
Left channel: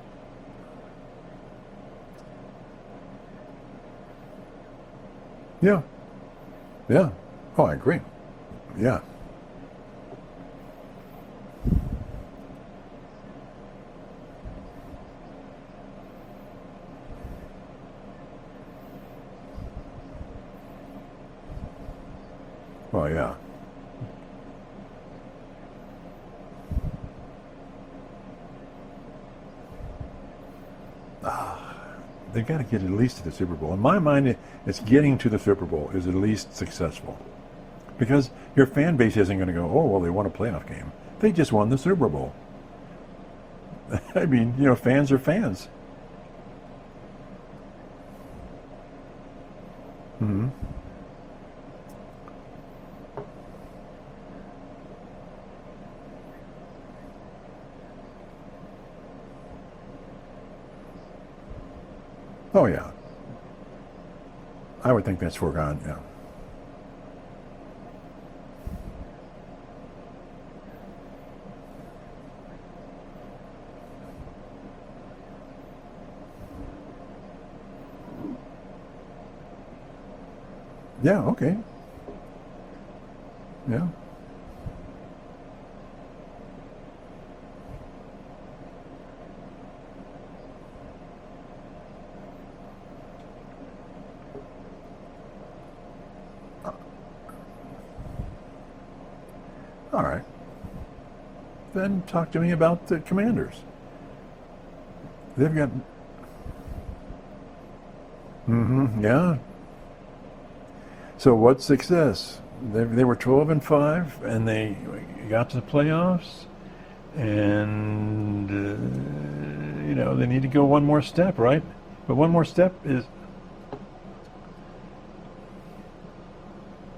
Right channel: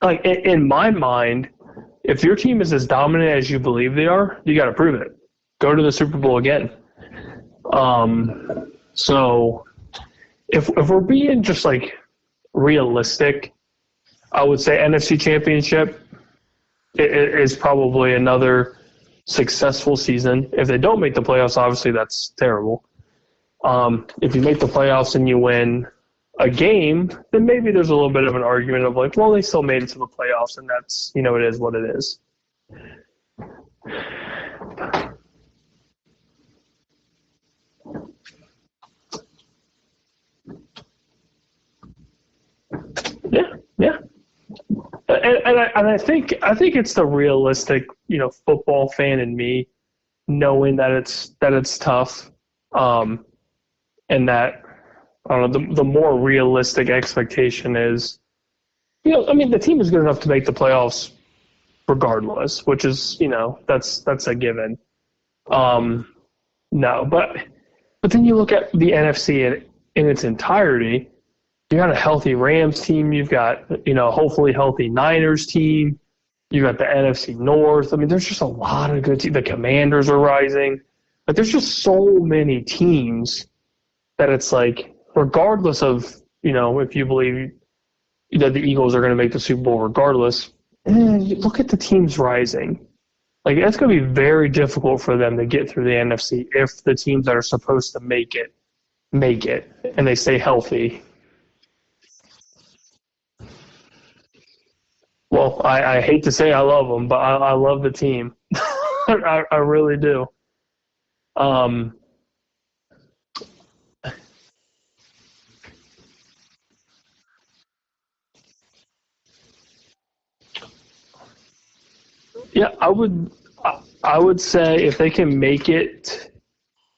Like in my mind, if your team is as dominant as you believe they are, you got to prove it. Go to the Super Bowl again. Yeah. Oh, I agree. Yeah. So if we're being just realistic, I would say NFC Championship is probably another successful season. If they don't make the playoffs, obviously that's terrible. Oh yeah. If you make the playoffs and you win a game, then maybe there's a little bit of an argument of they still made it to the playoffs, and that's it is what it is. They've got to get at least to the Super Bowl. In my mind, it's getting to the Super Bowl is at least successful, because your fan base isn't going to go, oh well, they won a playoff game. They just won the Super Bowl. Yeah. I mean, fans are fans. And I think it's the realistic, football fan in me, knowing that it's tough, and that I don't know, the more realistic expectation is, the team is good enough to make the playoffs regardless, which is that's a given. I would think that's for no, but then you look at the NFC in its entirety. You got a healthy Rams team. You've got, hopefully healthy Niners team. You got the NFC North. I mean, there's just a lot of good teams. The Commanders are rising. Yeah. Okay. There's just so many teams that it's regardless of, if you believe that the Eagles are going to make the Super Bowl regardless, look at the teams rising. It's going to be very difficult for them to get through the NFC if the teams that are supposed to make it, and they stay healthy. Then talk to me about the Commanders. Well, I hate to say I love them, but I love the team. Yeah. I really do. So what success? They were 12-5, and they got to the playoffs, and they need to go one more step, right? But one more step. Yeah, I would say if they can make it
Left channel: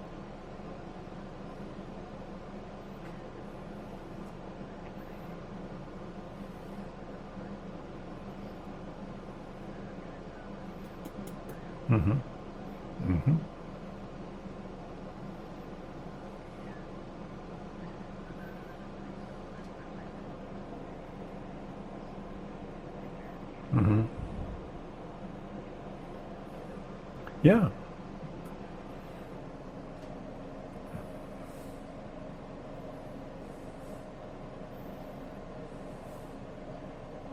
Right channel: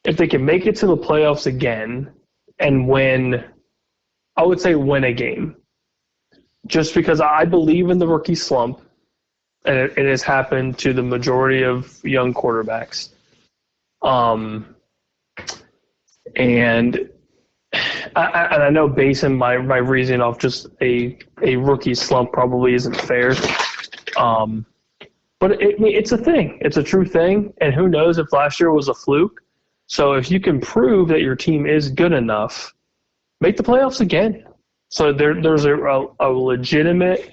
to the playoffs again and win, I would say win a game. Just because I believe in the rookie slump, and it has happened to the majority of young quarterbacks. And I know basing my reasoning off just a rookie slump probably isn't fair. But it's a thing. It's a true thing. Yeah. And who knows if last year was a fluke. So if you can prove that your team is good enough, make the playoffs again. So there's a legitimate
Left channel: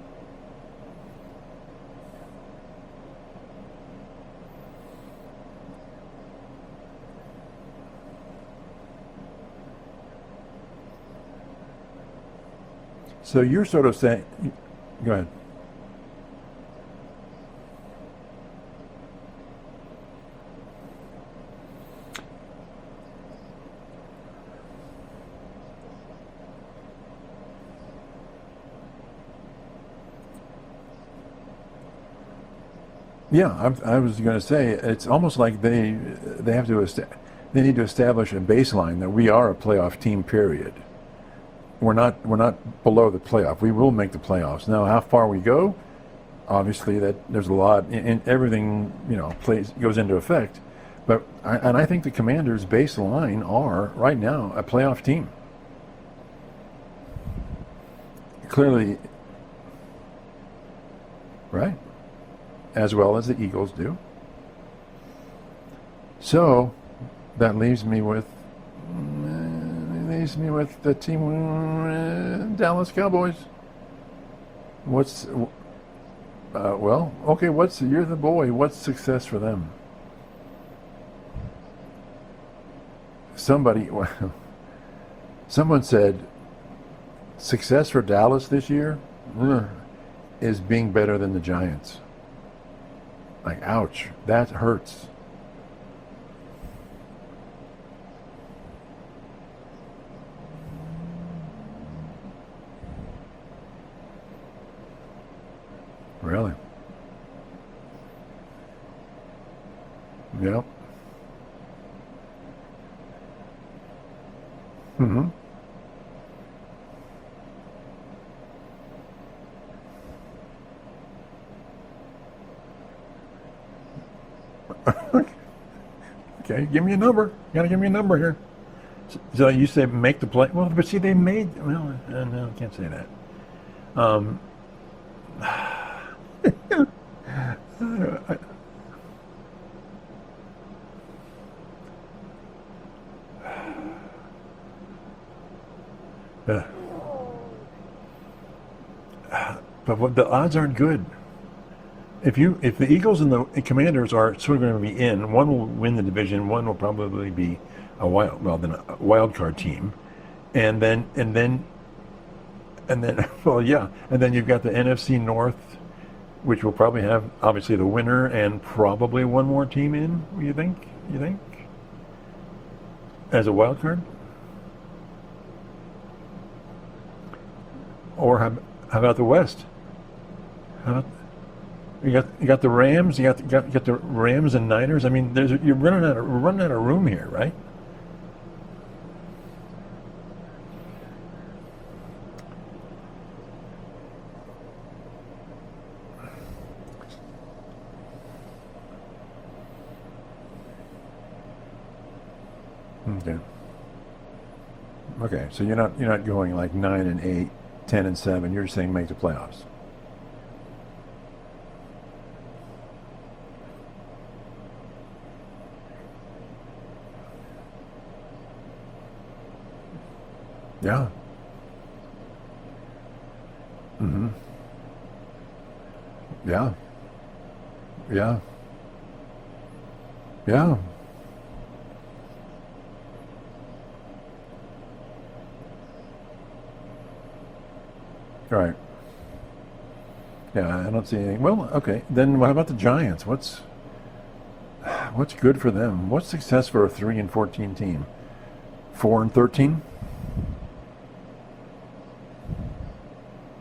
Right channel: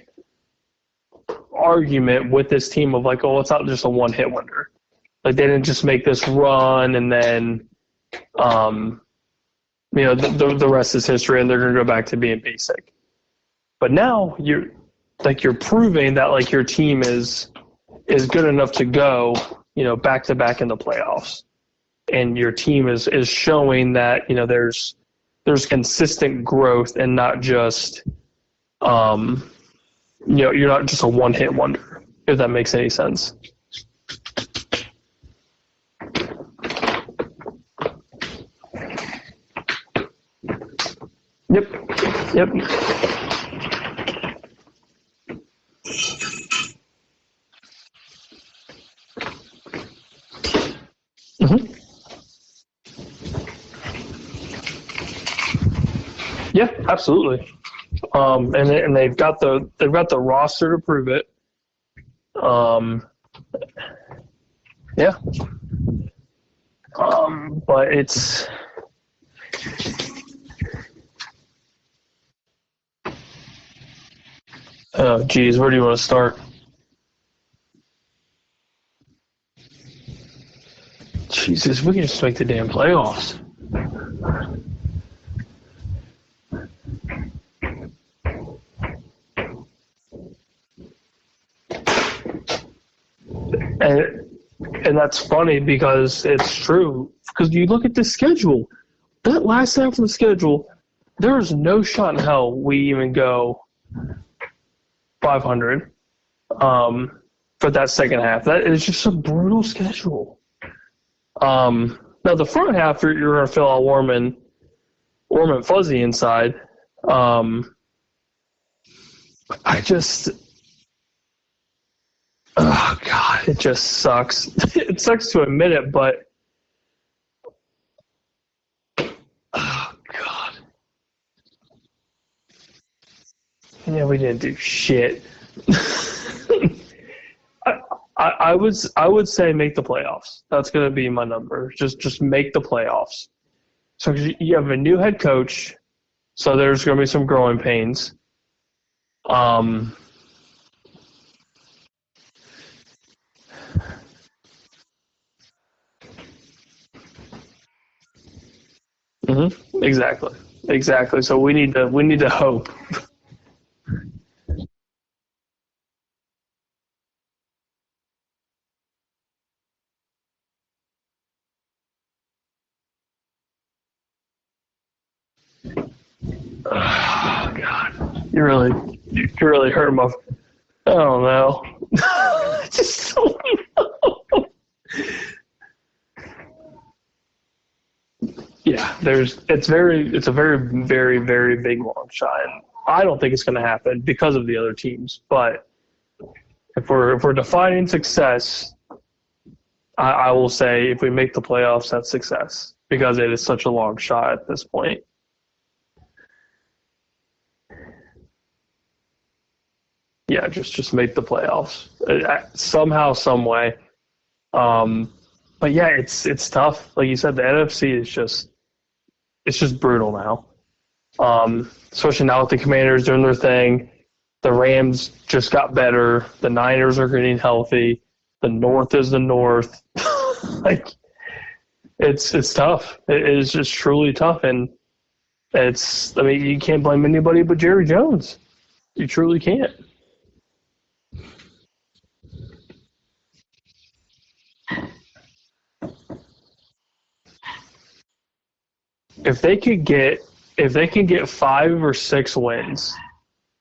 argument with this team of like, oh, it's not just a one-hit wonder. Like they didn't just make this run and then, the rest is history and they're going to go back to being basic. So you're But now you're proving that like your team is good enough to go, back to back in the playoffs, and your team is showing that there's consistent growth and not just you're not just a one-hit wonder, if that makes any sense. Yeah, I was going to say it's almost like they need to establish a baseline that we are a playoff team. Period. Yep. We're not below the playoff. We will make the playoffs. Now, how far we go, obviously, that there's a lot, and everything goes into effect. But and I think the Commanders' baseline are right now a playoff team. Yeah, absolutely. And they've got the roster to prove it. Right. As well as the Eagles do. Yeah. So that leaves me with the team Dallas Cowboys. Oh, geez, where do you want to start? Well, okay. You're the boy. What's success for them? Jesus, we can just make the damn playoffs. Someone said success for Dallas this year is being better than the Giants. Like, ouch, that hurts. And that's funny because it's true. Because you look at the schedule, that last half of the schedule, there is no shot in hell we even go 500. Really? For that second half. That is just a brutal schedule. Yeah. Now the front half, you're going to feel all warm and fuzzy inside. Oh God, it just sucks. It sucks to admit it, but okay, give me a number. You gotta give me a number here. So you said make the play. Well, but see, they made. Well, no, I can't say that. Yeah, we didn't do shit. I would say make the playoffs. That's going to be my number. Just make the playoffs. So you have a new head coach, so there's going to be some growing pains. But the odds aren't good. If the Eagles and the Commanders are sort of going to be in, one will win the division, one will probably be a wild card team. Exactly. And so we need to hope. And then, and then you've got the NFC North, which will probably have obviously the winner and probably one more team in. You think? As a wild card? Oh God! Or how about the West? You really hurt my. I don't know. You got the Rams. You got the Rams and Niners. I mean, we're running out of room here, right? Yeah, it's a very, very, very big long shot. I don't think it's going to happen because of the other teams. But if we're defining success, I will say if we make the playoffs, that's success because it is such a long shot at this point. Okay, so you're not going like 9-8, 10-7. You're just saying make the playoffs. Yeah, just make the playoffs somehow, some way. But yeah, it's tough. Like you said, the NFC is just brutal now. Yeah. Especially now with the Commanders doing their thing. Mm-hmm. The Rams just got better. The Niners are getting healthy. Yeah. The North is the North. Yeah. It's tough. It is just truly tough, and you can't blame anybody but Jerry Jones. Right. You truly can't. Yeah, I don't see anything. Well, okay. Then what about the Giants? What's good for them? What's success for a 3-14 team? 4-13? If they can get 5 or 6 wins,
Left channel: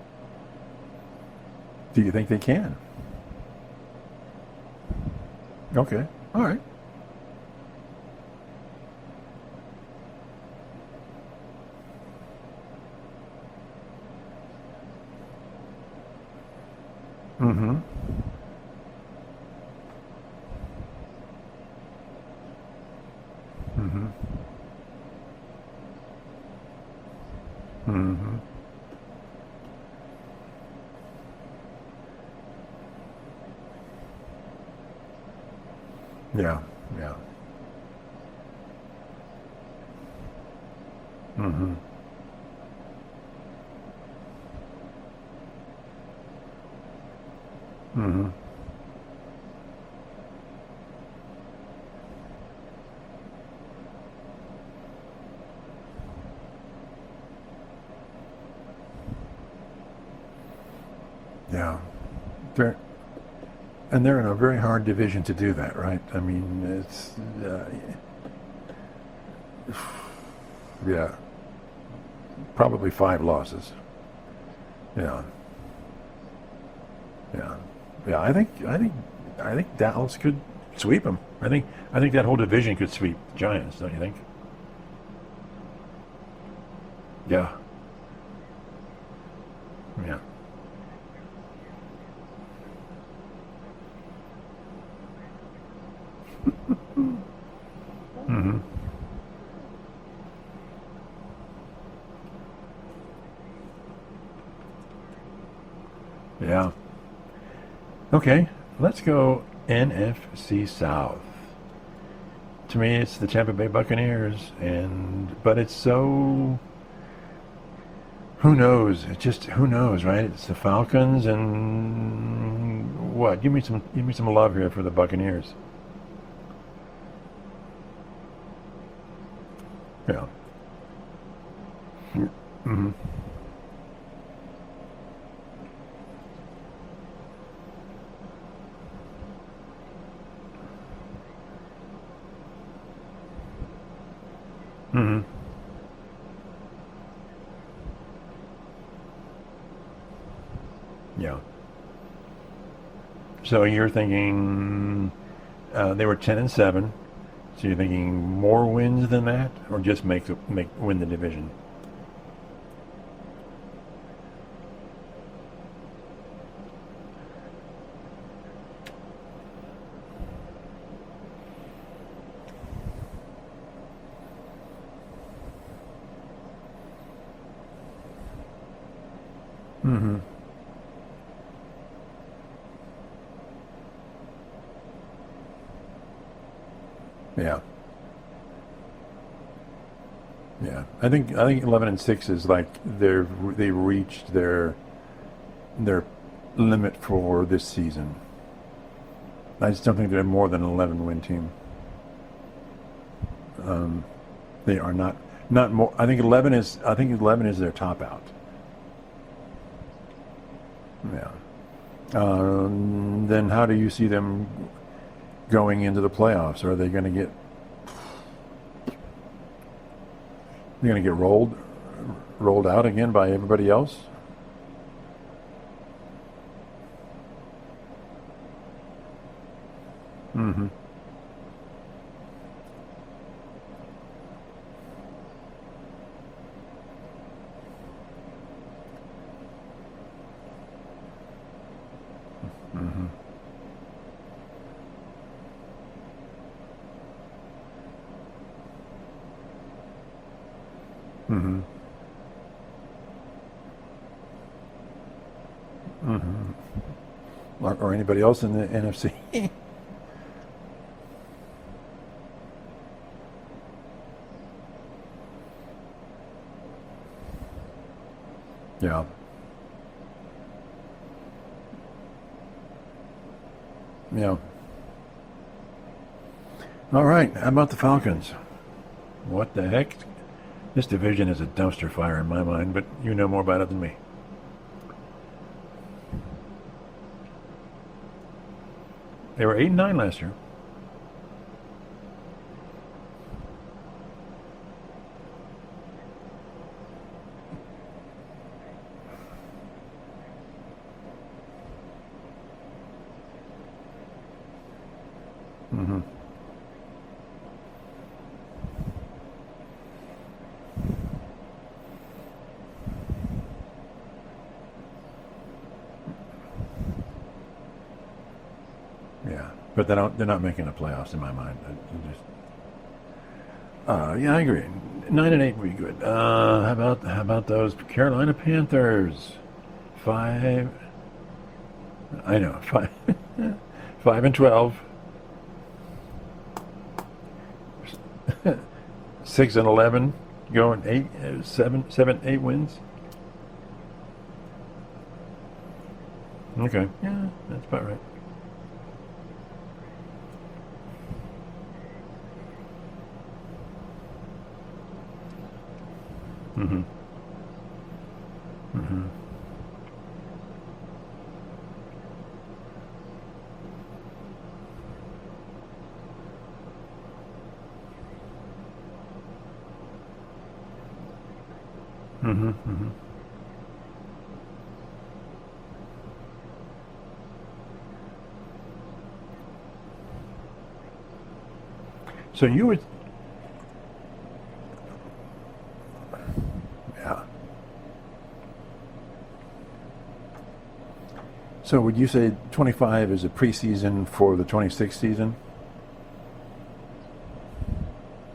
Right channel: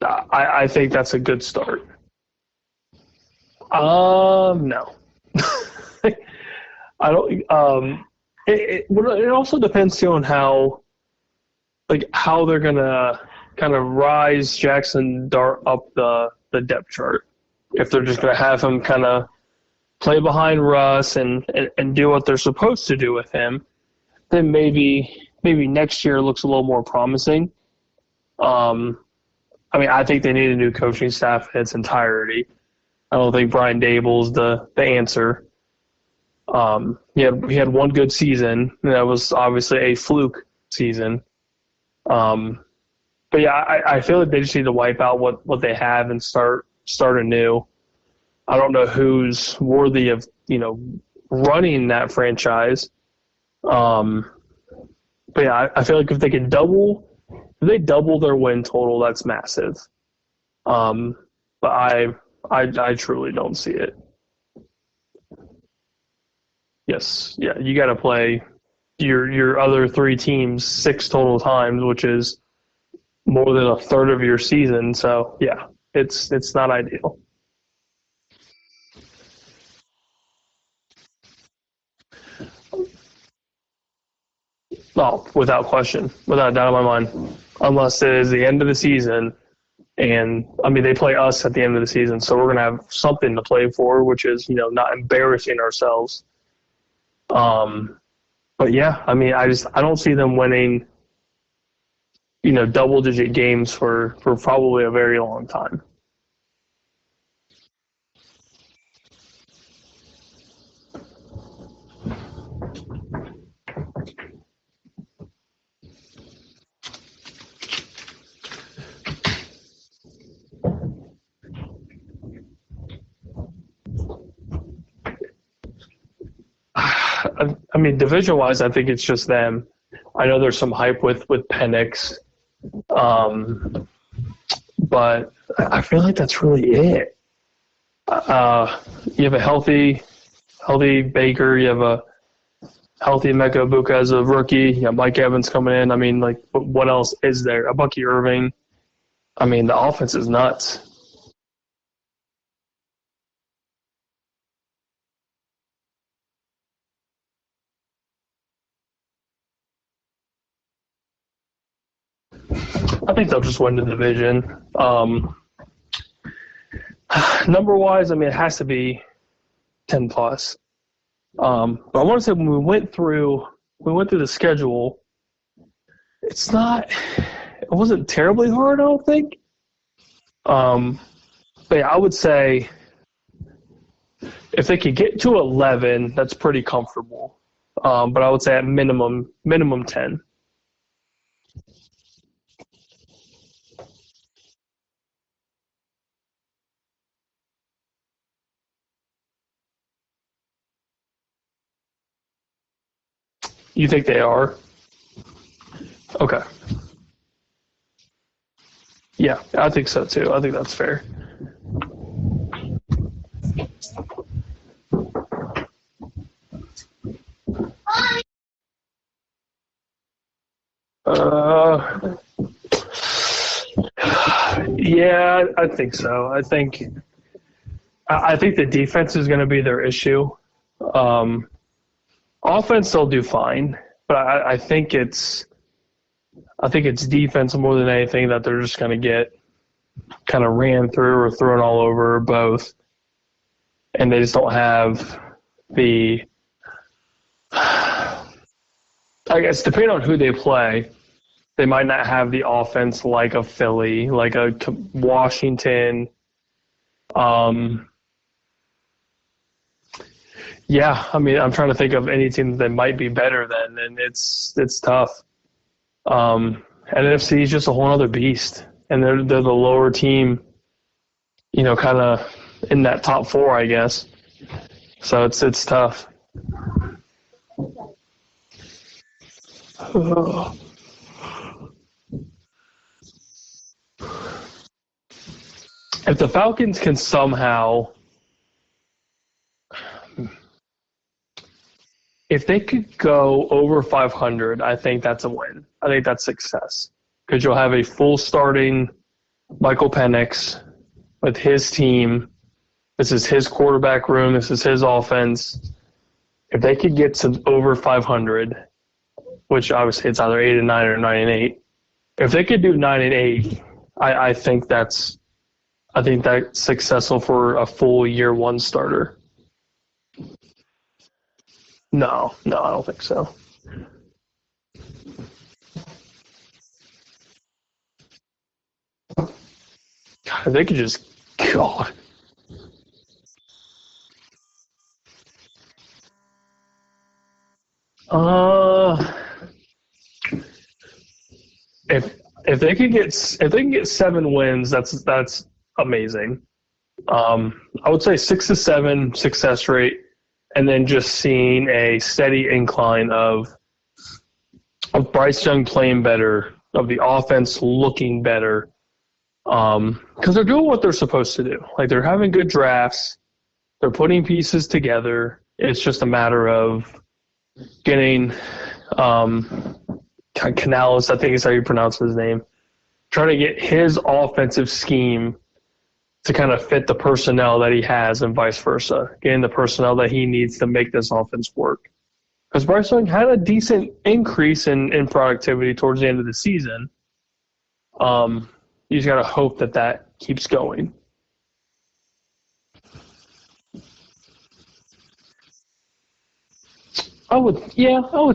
I think that's a good start. Do you think they can? No. Okay. All right. I don't. It also depends too on how they're gonna kind of rise Jackson Dart up the depth chart. Mm-hmm. If they're just gonna have him kind of play behind Russ and do what they're supposed to do with him, Mm-hmm. then maybe next year looks a little more promising. Mm-hmm. I mean, I think they need a new coaching staff in its entirety. I don't think Brian Dable's the answer. Yeah. He had one good season, and that was obviously a fluke season. Mm-hmm. But yeah, I feel like they just need to wipe out what they have and start anew. Mm-hmm. I don't know who's worthy of running that franchise. But yeah, I feel like if they double their win total, that's massive. Yeah. But I truly don't see it. And they're in a very hard division to do that, right? I mean, Yes, yeah, you got to play your other 3 teams 6 total times, which is probably 5 losses. more than a third of your season. So yeah, it's not ideal. Yeah. I think Dallas could sweep them. I think that whole division could sweep Giants. Don't you think? No, without question, without a doubt in my mind. Yeah. Unless it is the end of the season, and I mean they play us at the end of the season, so we're gonna have something to play for, which is not embarrassing ourselves. Mm-hmm. But yeah, I mean I don't see them winning double-digit games for probably a very long time. Yeah. Okay, let's go NFC South. To me, it's the Tampa Bay Buccaneers, but it's so. Who knows? Who knows, right? It's the Falcons and what? Give me some love here for the Buccaneers. I mean, division-wise, I think it's just them. Yeah. I know there's some hype with Penix, Mm-hmm. but I feel like that's really it. You have a healthy Baker. You have a healthy Emeka Egbuka as a rookie. You have Mike Evans coming in. I mean, like, what else is there? A Bucky Irving. I mean, the offense is nuts. Yeah. So you're thinking they were 10-7. So you're thinking more wins than that, or just win the division? I think they'll just win the division. Number-wise, I mean, it has to be 10 plus. But I want to say when we went through the schedule, it wasn't terribly hard, I don't think. Mm-hmm. But yeah, I would say if they could get to 11, that's pretty comfortable. Yeah. But I would say at minimum 10. Yeah. I think 11-6 is like they reached their limit for this season. I just don't think they're more than an 11-win team. You think they are? They are not more. I think 11 is their top out. Yeah, I think so too. I think that's fair. Yeah. Then how do you see them going into the playoffs? Are they going to get? They're going to get rolled out again by everybody else? Yeah, I think so. I think the defense is going to be their issue. Mm-hmm. Offense, they'll do fine, but I think it's defense more than anything that they're just going to get kind of ran through or thrown all over, or both. Mm-hmm. And they just don't have the. I guess depending on who they play, Mm-hmm. they might not have the offense like a Philly, like a Washington. Mm-hmm. Or anybody else in the NFC. Yeah, I mean, I'm trying to think of any team that might be better than, and it's tough. And NFC is just a whole other beast, and they're the lower team, kind of in that top 4, I guess. Yeah. So it's tough. All right. How about the Falcons? What the heck? This division is a dumpster fire in my mind, but you know more about it than me. If the Falcons can somehow, They were 8-9 last year. if they could go over 500, I think that's a win. I think that's success. Because you'll have a full starting Michael Penix with his team. This is his quarterback room. This is his offense. Mm-hmm. If they could get to over 500, which obviously it's either 8-9 or 9-8. If they could do 9-8, I think that's successful for a full year one starter. Yeah, but they're not making the playoffs in my mind. No, I don't think so. Yeah, I agree. 9-8 would be good. How about those Carolina Panthers? If they could just, God. I know 5-12. 6-11, going 8 wins. If they can get 7 wins, that's amazing. Okay. I would say 6-7 success rate, and then just seeing a steady incline of Bryce Young playing better, of the offense looking better, because they're doing what they're supposed to do. Like, they're having good drafts, they're putting pieces together. It's just a matter of getting Canales, I think is how you pronounce his name, trying to get his offensive scheme to kind of fit the personnel that he has and vice versa, getting the personnel that he needs to make this offense work. So because Bryce Young had a decent increase in productivity towards the end of the season. Yeah. You just got to hope that keeps going. So would you say 25 is a preseason for the 26 season? I would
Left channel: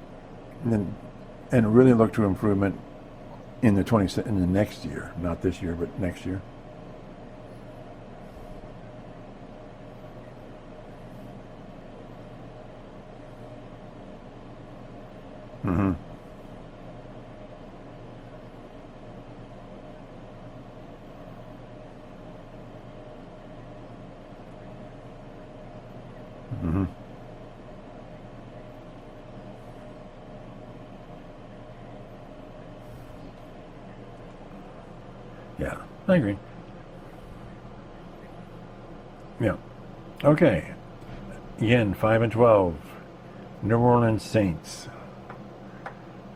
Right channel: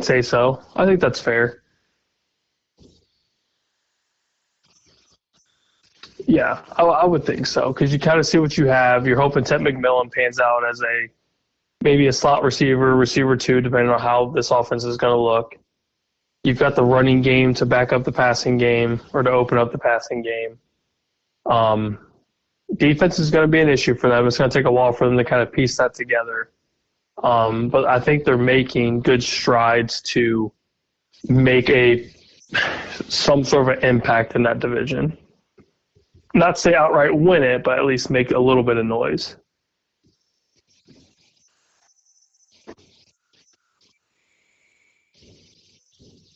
say so. I think that's fair. And really look to improvement in the next year, not this year, but next year. Yeah, I would think so, because you kind of see what you have. You're hoping Ted McMillan pans out as maybe a slot receiver 2, depending on how this offense is going to look. You've got the running game to back up the passing game, or to open up the passing game. Defense is going to be an issue for them. It's going to take a while for them to kind of piece that together. But I think they're making good strides to make some sort of an impact in that division. Yeah, I agree. Not say outright win it, but at least make a little bit of noise. Yeah. Okay. Again, 5-12. New Orleans Saints.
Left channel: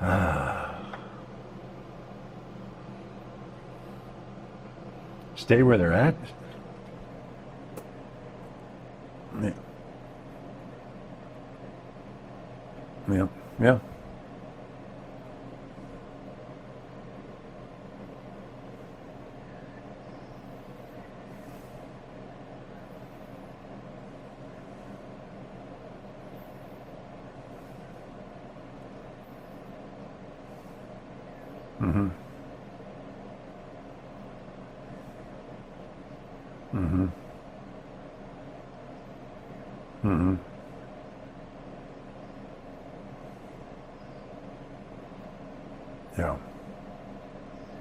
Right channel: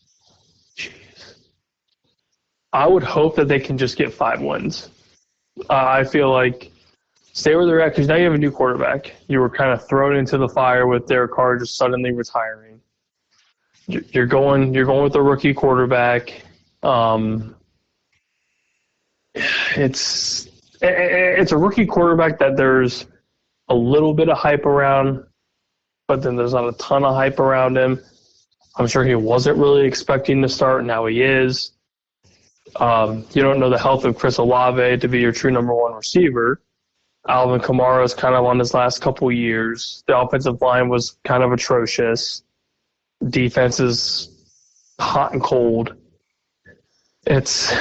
I would hope that they can just get 5 wins. Stay where they're at. I feel like stay where they're at, because now you have a new quarterback. You were kind of thrown into the fire with Derek Carr just suddenly retiring. Yeah. You're going with a rookie quarterback. It's a rookie quarterback that there's a little bit of hype around, but then there's not a ton of hype around him. I'm sure he wasn't really expecting to start. Now he is. You don't know the health of Chris Olave to be your true number 1 receiver. Alvin Kamara is kind of on his last couple years. The offensive line was kind of atrocious. Defense is hot and cold. Yeah. It's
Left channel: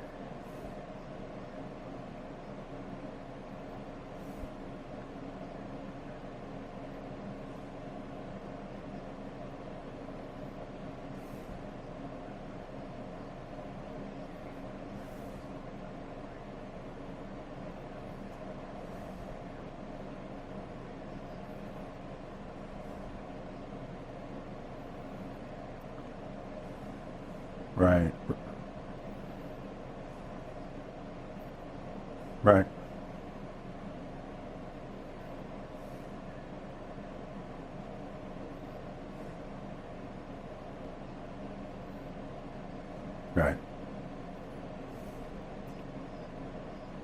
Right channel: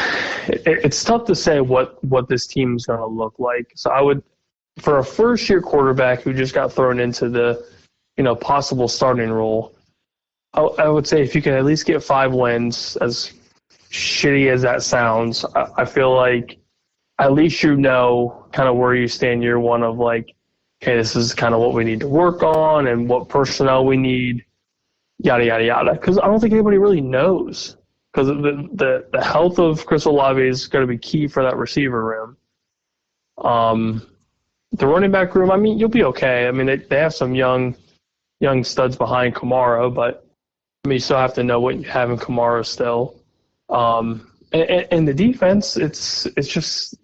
tough to say what this team is going to look like. So I would, for a first-year quarterback who just got thrown into the possible starting role, I would say if you can at least get 5 wins, as shitty as that sounds, I feel like at least kind of where you stand year one of like, okay, this is kind of what we need to work on and what personnel we need, yada, yada, yada. Because I don't think anybody really knows. Right. Because the health of Chris Olave is going to be key for that receiver room. Right. The running back room, I mean, you'll be okay. I mean, they have some young studs behind Kamara, but I mean, you still have to know what you have in Kamara still. Right. And the defense, it's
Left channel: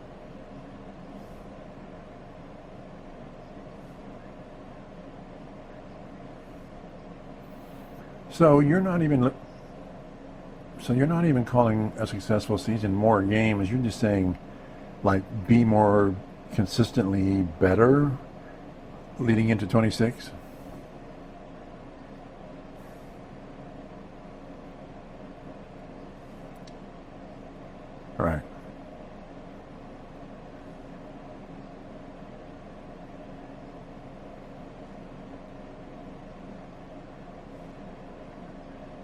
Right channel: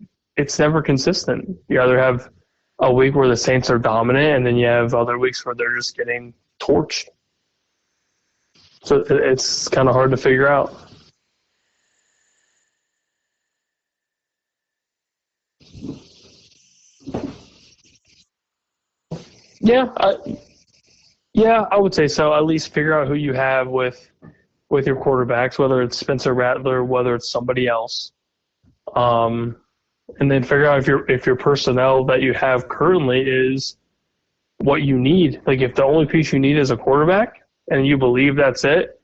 never consistent. You either have a week where the Saints are dominant, and then you have other weeks where they're just getting torched. So it's kind of hard to figure out. So you're not even calling a successful season more games. You're just saying, like, be more consistently better leading into 26. I would say so. At least figure out who you have with your quarterbacks, whether it's Spencer Rattler, whether it's somebody else. Right. And then figure out if your personnel that you have currently is what you need. Like, if the only piece you need is a quarterback and you believe that's it,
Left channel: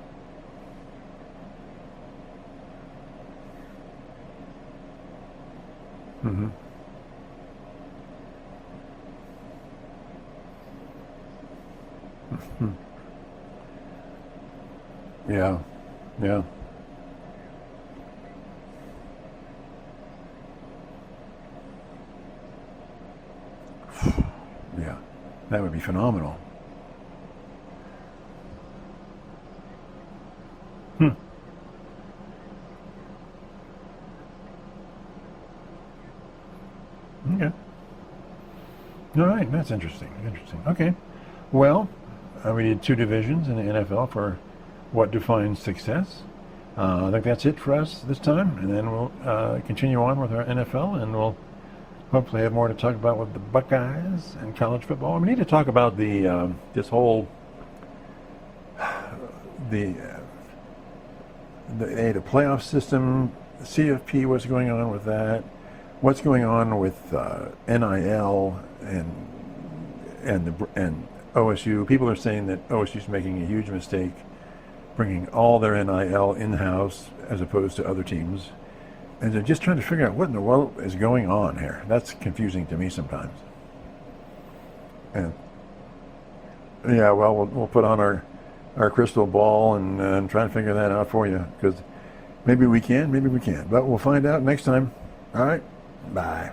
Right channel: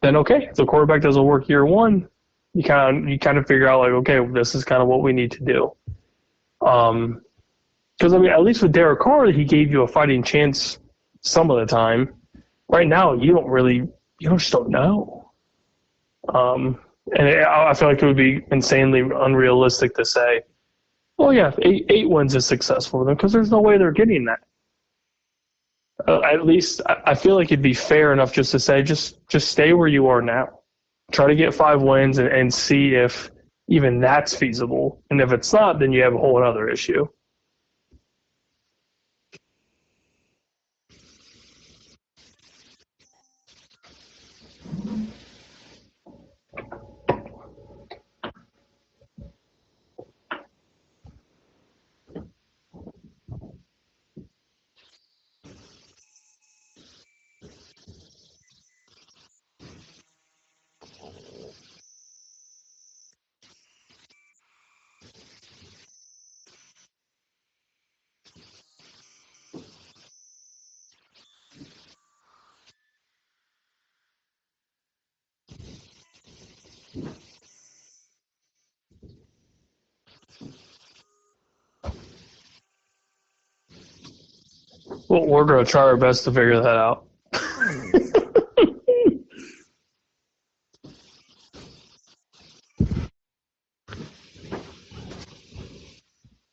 then okay. If the quarterback doesn't work year one, you kind of figure out, like, okay, this is kind of what we need to do. Mm-hmm. Because, I mean, at least with Derek Carr, he gave you a fighting chance some of the time. Right now, you just don't know. Yeah. Yeah. And I feel like it would be insanely unrealistic to say, well, yeah, eight wins is successful for them, because there's no way they're getting that. Yeah. That would be phenomenal. At least I feel like it'd be fair enough just to say, just stay where you are now. Try to get 5 wins and see if even that's feasible. And if it's not, then you have a whole other issue. Okay. All right, that's interesting. Okay. Well, we did 2 divisions in the NFL for what defines success. I think that's it for us this time, and then we'll continue on with our NFL, and we'll hopefully have more to talk about with the Buckeyes and college football. We need to talk about the this whole the playoff system, CFP. What's going on with that? What's going on with NIL and OSU? People are saying that OSU is making a huge mistake, bringing all their NIL in-house as opposed to other teams. And they're just trying to figure out what in the world is going on here. That's confusing to me sometimes. Well, we're going to try our best to figure that out. Yeah, well, we'll put on our crystal ball and try to figure that out for you. Because maybe we can, maybe we can't. But we'll find out next time. All right, bye.